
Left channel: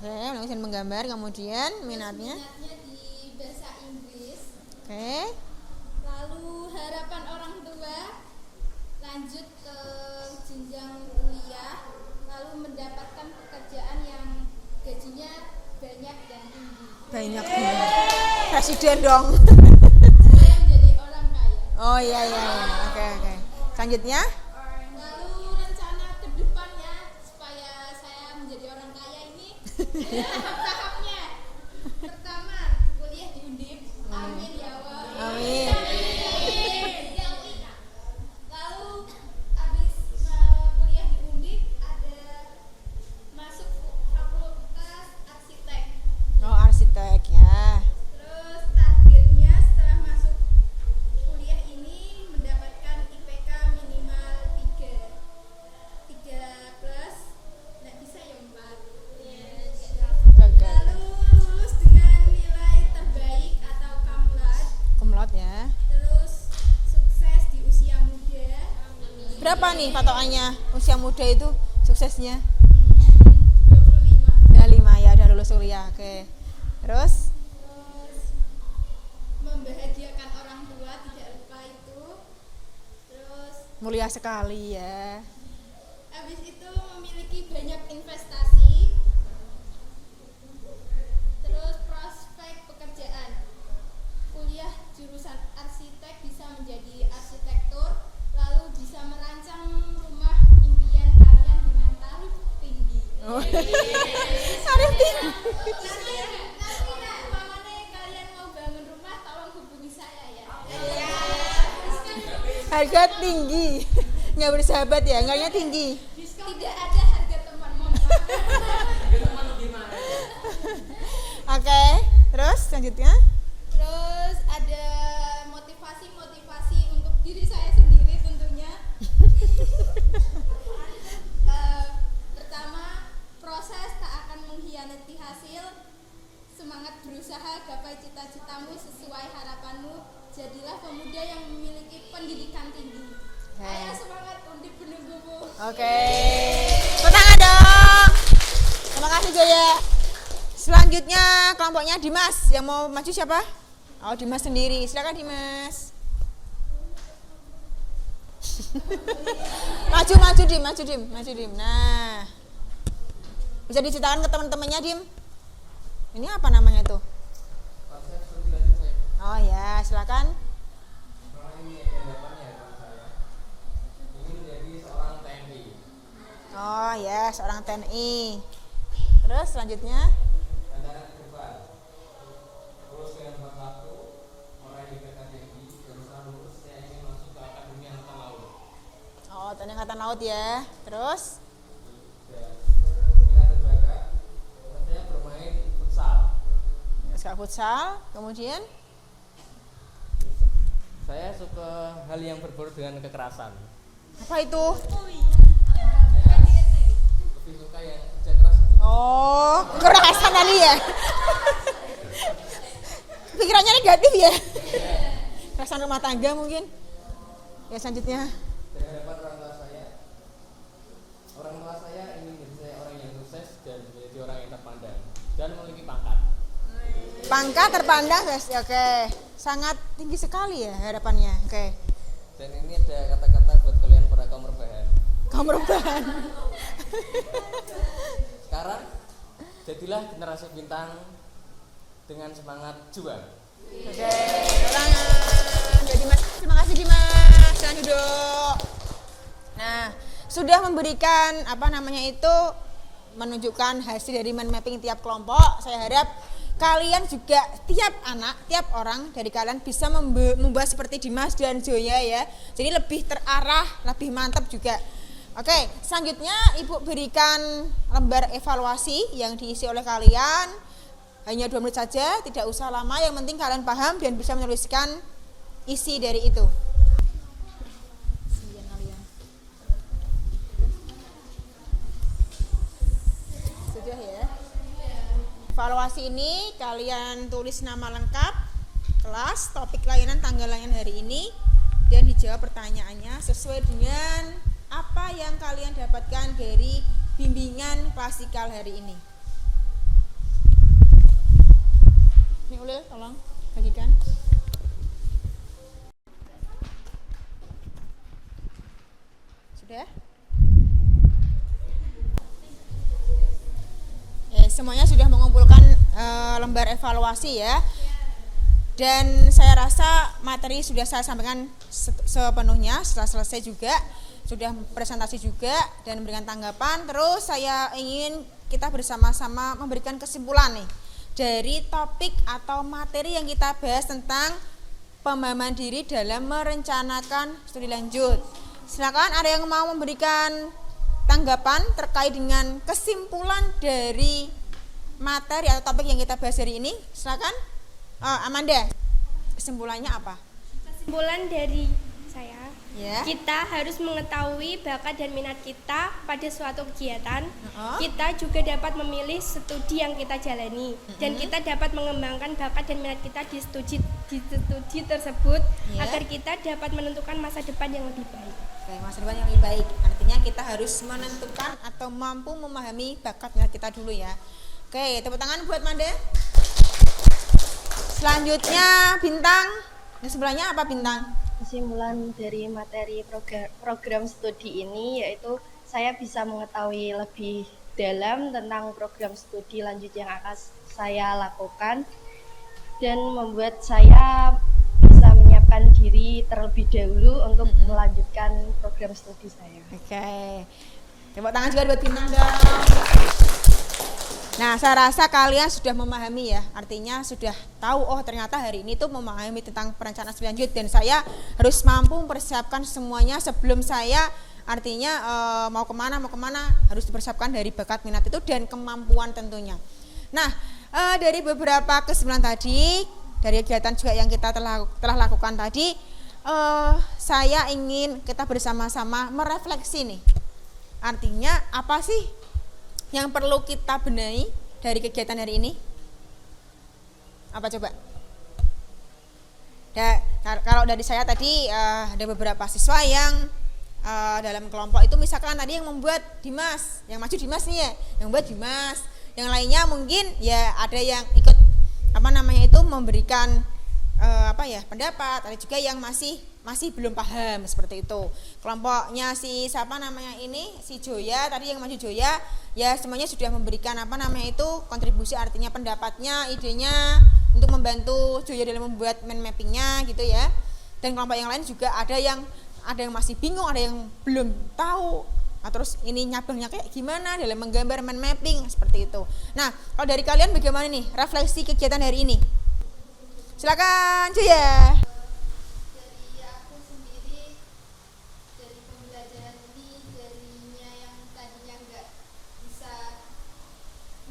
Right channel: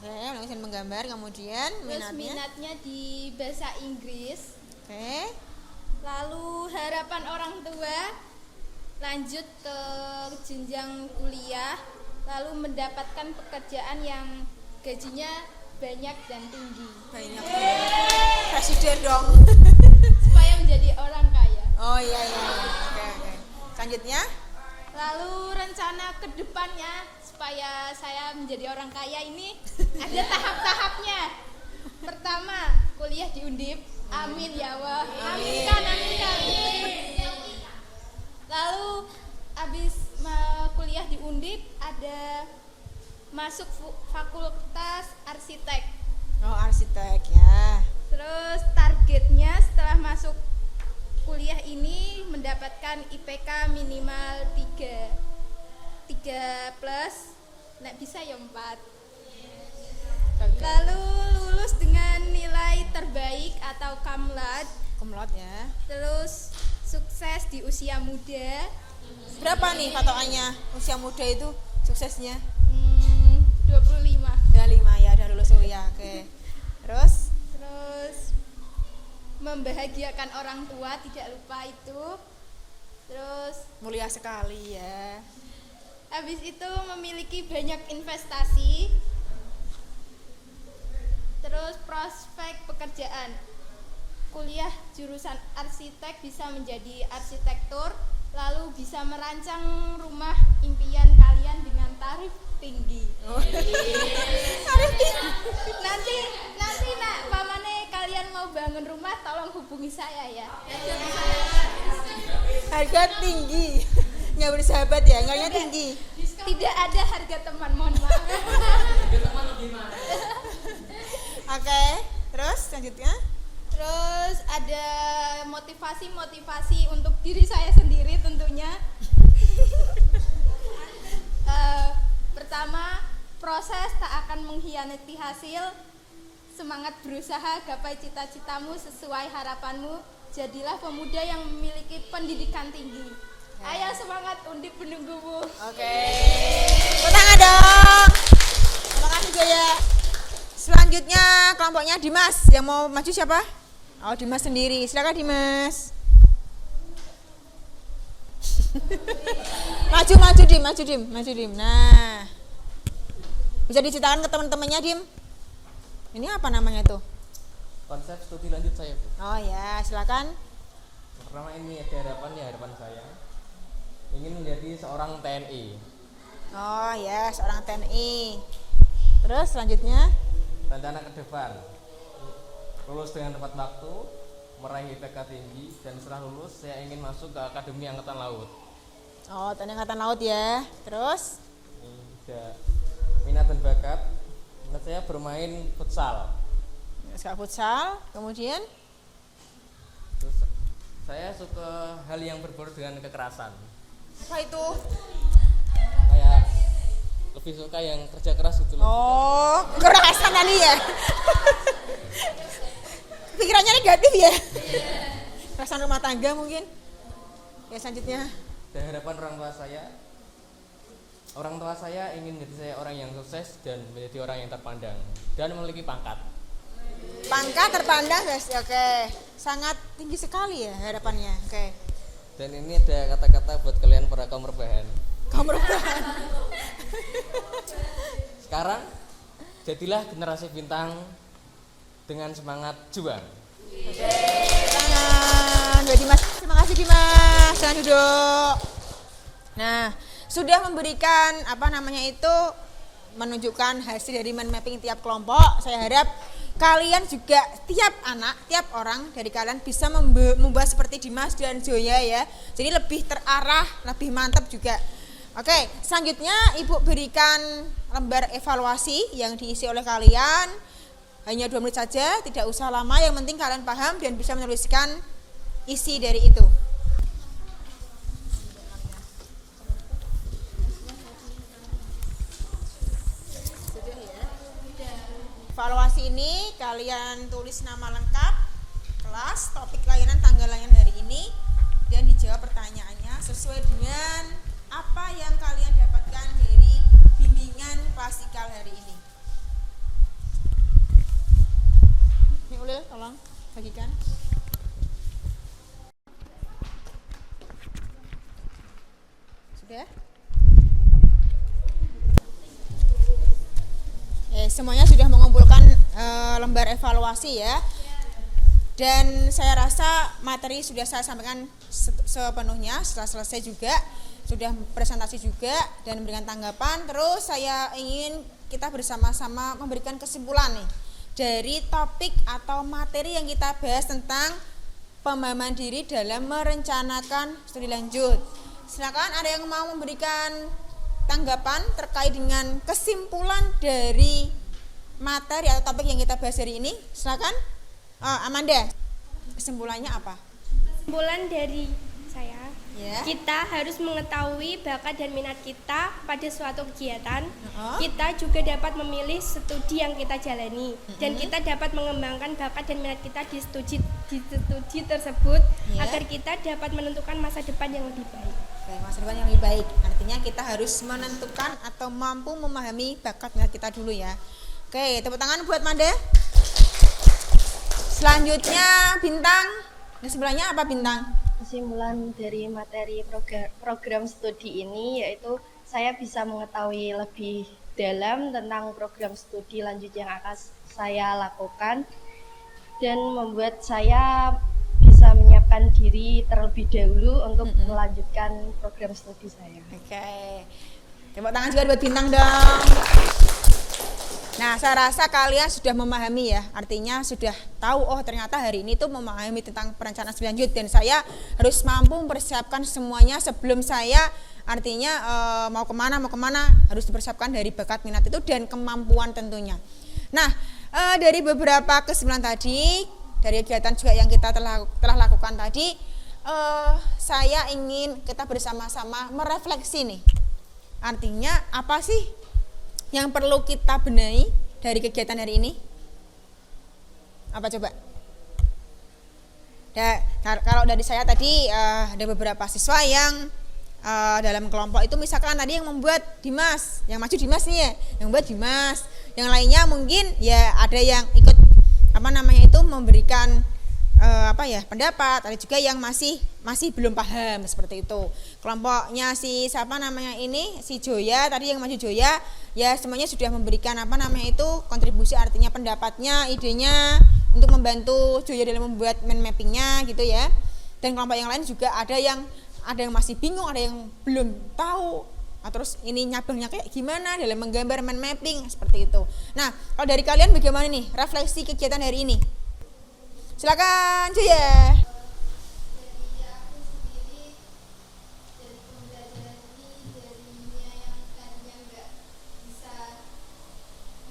Oke, melukis dan menggambar, kemudian minatnya di bahasa Inggris. Oke. Lalu harapan orang tua lanjut ke jenjang kuliah, lalu mendapatkan pekerjaan yang gajinya banyak dan tinggi. Banyak banget. Presiden dong. Supaya menjadi orang kaya. Oh iya. Oke. Selanjutnya? Lalu rencana ke depannya supaya saya menjadi orang kaya ini ada tahap-tahapnya. Pertama, kuliah di Undip. Amin ya Allah. Amin. Lalu habis kuliah di Undip ada masuk fakultas arsitek. Oh, arsitek ya. Terus targetnya setelah masuk kuliah ini mendapatkan IPK minimal 3 plus, nek bisa ya 4. Okay. Lalu lulus dengan nilai terbaik atau berapa nih patokannya usia muda itu suksesnya? 25. 25 ya, udah lulus kuliah. Oke. Terus Membahagiakan orang tua, tidak lupa itu. Terus mulia sekali ya. habis itu memiliki banyak investasi. Terus prospek pekerjaan. Kuliah jurusan arsitek bisa menjadi arsitektur, lalu bisa merancang rumah impian kalian dengan tarif tinggi. Tarif tinggi. Nanti nak pamane kalian mau bangun rumah tolong hubungi saya ya. Harga tinggi. Nggak bersahabat ya, harganya tinggi. Tidak ada harga teman, mohon maaf. Oke, terus selanjutnya? Terus ada motivasi untuk diri saya sendiri tentunya. Pertama, proses tak akan mengkhianati hasil. Semangat berusaha, gapai cita-citamu sesuai harapanmu. Jadilah pemuda yang memiliki pendidikan tinggi. Ayo semangat, Undip menunggumu. Oke. Tepuk tangan dong. Terima kasih Jaya. Selanjutnya kelompoknya Dimas. Yang mau maju siapa? Oh, Dimas sendiri. Silakan Dimas. maju Dim. Nah. Bisa diceritakan ke teman-temannya Dim. Ini apa namanya tuh? Konsep studi lanjut saya. Oh ya, silakan. Pertama ini ada harapan saya ingin menjadi seorang TNI. Oh ya, seorang TNI. Terus selanjutnya? Rencana ke depan lulus dengan tepat waktu, meraih IPK tinggi, dan setelah lulus saya ingin masuk ke Akademi Angkatan Laut. Oh, TNI Angkatan Laut ya. Terus? Ada minat dan bakat. Minat saya bermain futsal. Suka futsal. Kemudian? Terus saya suka hal yang berbau dengan kekerasan. Apa itu? Kayak lebih suka yang kerja keras gitu. Oh, kekerasan tadi ya. Pikirannya negatif ya. Kekerasan rumah tangga mungkin. Ya selanjutnya. Dan harapan orang tua saya ingin menjadi saya orang yang sukses dan menjadi orang yang terpandang dan memiliki pangkat. Pangkat terpandang guys. Oke. Sangat tinggi sekali ya harapannya. Oke. Dan ini ada kata-kata buat kalian para kaum rebahan. Kamu rebahan. Sekarang jadilah generasi bintang dengan semangat juang. Oke, tangan buat Dimas. Terima kasih Dimas. Jangan duduk. Nah, sudah memberikan menunjukkan hasil dari mind mapping tiap kelompok. Saya harap kalian juga tiap orang dari kalian bisa membuat seperti Dimas dan Zoya ya. Jadi lebih terarah, lebih mantap juga. Oke, selanjutnya Ibu berikan lembar evaluasi yang diisi oleh kalian. Hanya 2 menit saja, tidak usah lama, yang penting kalian paham dan bisa menuliskan isi dari itu. Sudah ya. Evaluasi ini kalian tulis nama lengkap, kelas, topik layanan, tanggal layanan hari ini, dan dijawab pertanyaannya sesuai dengan apa yang kalian dapatkan dari bimbingan klasikal hari ini. Ini Ulil, tolong bagikan. Sudah? Semuanya sudah mengumpulkan lembar evaluasi ya. Dan saya rasa materi sudah saya sampaikan sepenuhnya. Setelah selesai juga sudah presentasi juga dan memberikan tanggapan. Terus saya ingin kita bersama-sama memberikan kesimpulan nih dari topik atau materi yang kita bahas tentang pemahaman diri dalam merencanakan studi lanjut. Silakan ada yang mau memberikan tanggapan terkait dengan kesimpulan dari materi atau topik yang kita bahas hari ini. Silakan. Amanda, kesimpulannya apa? Kesimpulan dari saya, Ya. kita harus mengetahui bakat dan minat kita pada suatu kegiatan. Kita juga dapat memilih studi yang kita jalani, dan kita dapat mengembangkan bakat dan minat kita di studi tersebut, Ya. agar kita dapat menentukan masa depan yang lebih baik. Oke, masa depan yang lebih baik. Artinya kita harus menentukan atau mampu memahami bakat minat kita dulu ya. Oke, tepuk tangan buat Manda. Selanjutnya Bintang. Yang sebelahnya apa Bintang? Kesimpulan dari materi program studi ini yaitu saya bisa mengetahui lebih dalam tentang program studi lanjut yang akan saya lakukan dan membuat saya bisa menyiapkan diri terlebih dahulu untuk melanjutkan program studi saya. Oke. Tepuk tangan juga buat Bintang dong. Nah, saya rasa kalian sudah memahami ya, artinya sudah tahu oh ternyata hari ini tuh memahami tentang perencanaan studi lanjut dan saya harus mampu mempersiapkan semuanya sebelum saya artinya mau kemana harus dipersiapkan dari bakat minat itu dan kemampuan tentunya. Nah, dari beberapa kesimpulan tadi, dari kegiatan juga yang kita telah lakukan tadi, saya ingin kita bersama-sama merefleksi nih. Artinya apa sih yang perlu kita benahi dari kegiatan hari ini? Apa coba? Kalau dari saya tadi ada beberapa siswa yang dalam kelompok itu misalkan tadi yang membuat Dimas, yang maju Dimas nih ya, yang membuat Dimas. Yang lainnya mungkin ya ada yang ikut memberikan pendapat, ada juga yang masih belum paham seperti itu. Kelompoknya si Joya tadi yang maju Joya ya semuanya sudah memberikan kontribusi artinya pendapatnya, idenya untuk membantu Joya dalam membuat mind mappingnya gitu ya. Dan kelompok yang lain juga ada yang masih bingung, ada yang belum tahu. Nah, terus ini nyabangnya kayak gimana dalam menggambar mind mapping seperti itu. Nah, kalau dari kalian bagaimana nih refleksi kegiatan hari ini? Silakan Joya. Dari aku sendiri dari pembelajaran ini darinya yang tadinya nggak bisa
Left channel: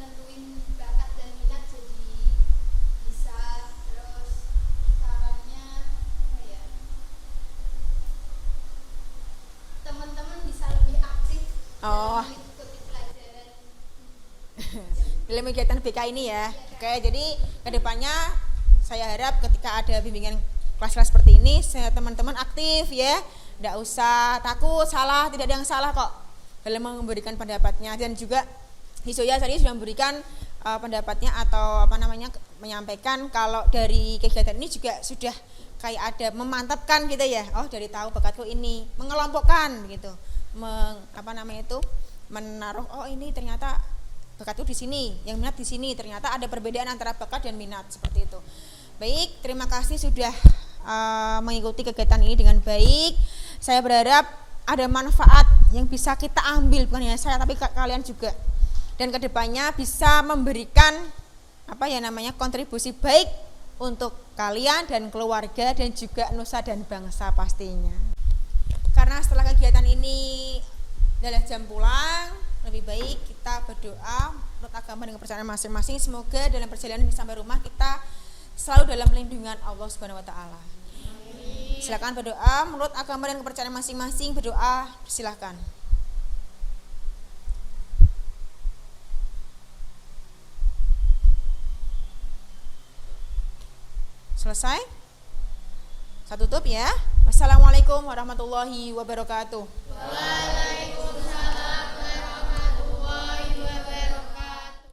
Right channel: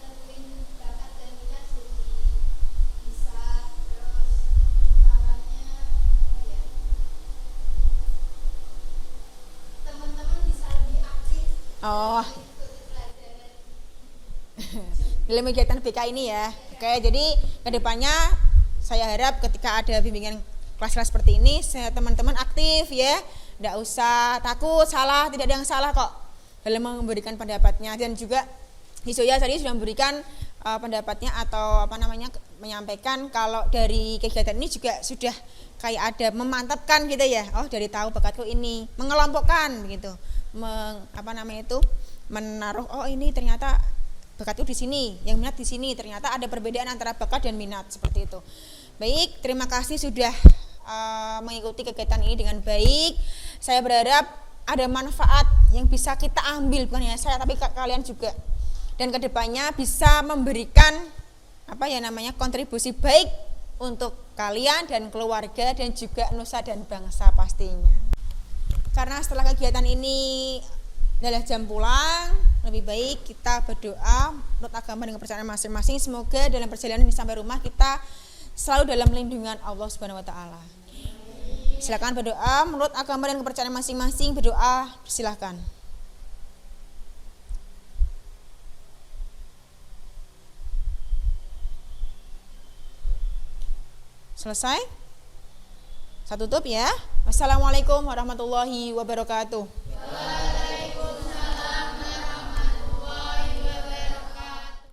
nentuin bakat dan minat jadi bisa, terus caranya teman-teman bisa lebih aktif mengikuti pelajaran dalam kegiatan BK ini ya. Oke, jadi kedepannya saya harap ketika ada bimbingan kelas-kelas seperti ini, teman-teman aktif ya, tidak usah takut salah, tidak ada yang salah kok dalam memberikan pendapatnya. Dan juga Hisoya tadi sudah memberikan pendapatnya atau menyampaikan kalau dari kegiatan ini juga sudah kayak ada memantapkan gitu ya. Oh, dari tahu bakatku ini, mengelompokkan begitu, menaruh oh ini ternyata bakatku di sini, yang minat di sini, ternyata ada perbedaan antara bakat dan minat seperti itu. Baik, terima kasih sudah mengikuti kegiatan ini dengan baik. Saya berharap ada manfaat yang bisa kita ambil, bukan hanya saya tapi kalian juga. Dan kedepannya bisa memberikan kontribusi baik untuk kalian dan keluarga dan juga nusa dan bangsa pastinya. Karena setelah kegiatan ini adalah jam pulang, lebih baik kita berdoa menurut agama dan kepercayaan masing-masing. Semoga dalam perjalanan ini sampai rumah kita selalu dalam lindungan Allah Subhanahu wa taala. Silakan berdoa menurut agama dan kepercayaan masing-masing. Berdoa, silakan. Selesai? Saya tutup ya. Wassalamualaikum warahmatullahi wabarakatuh.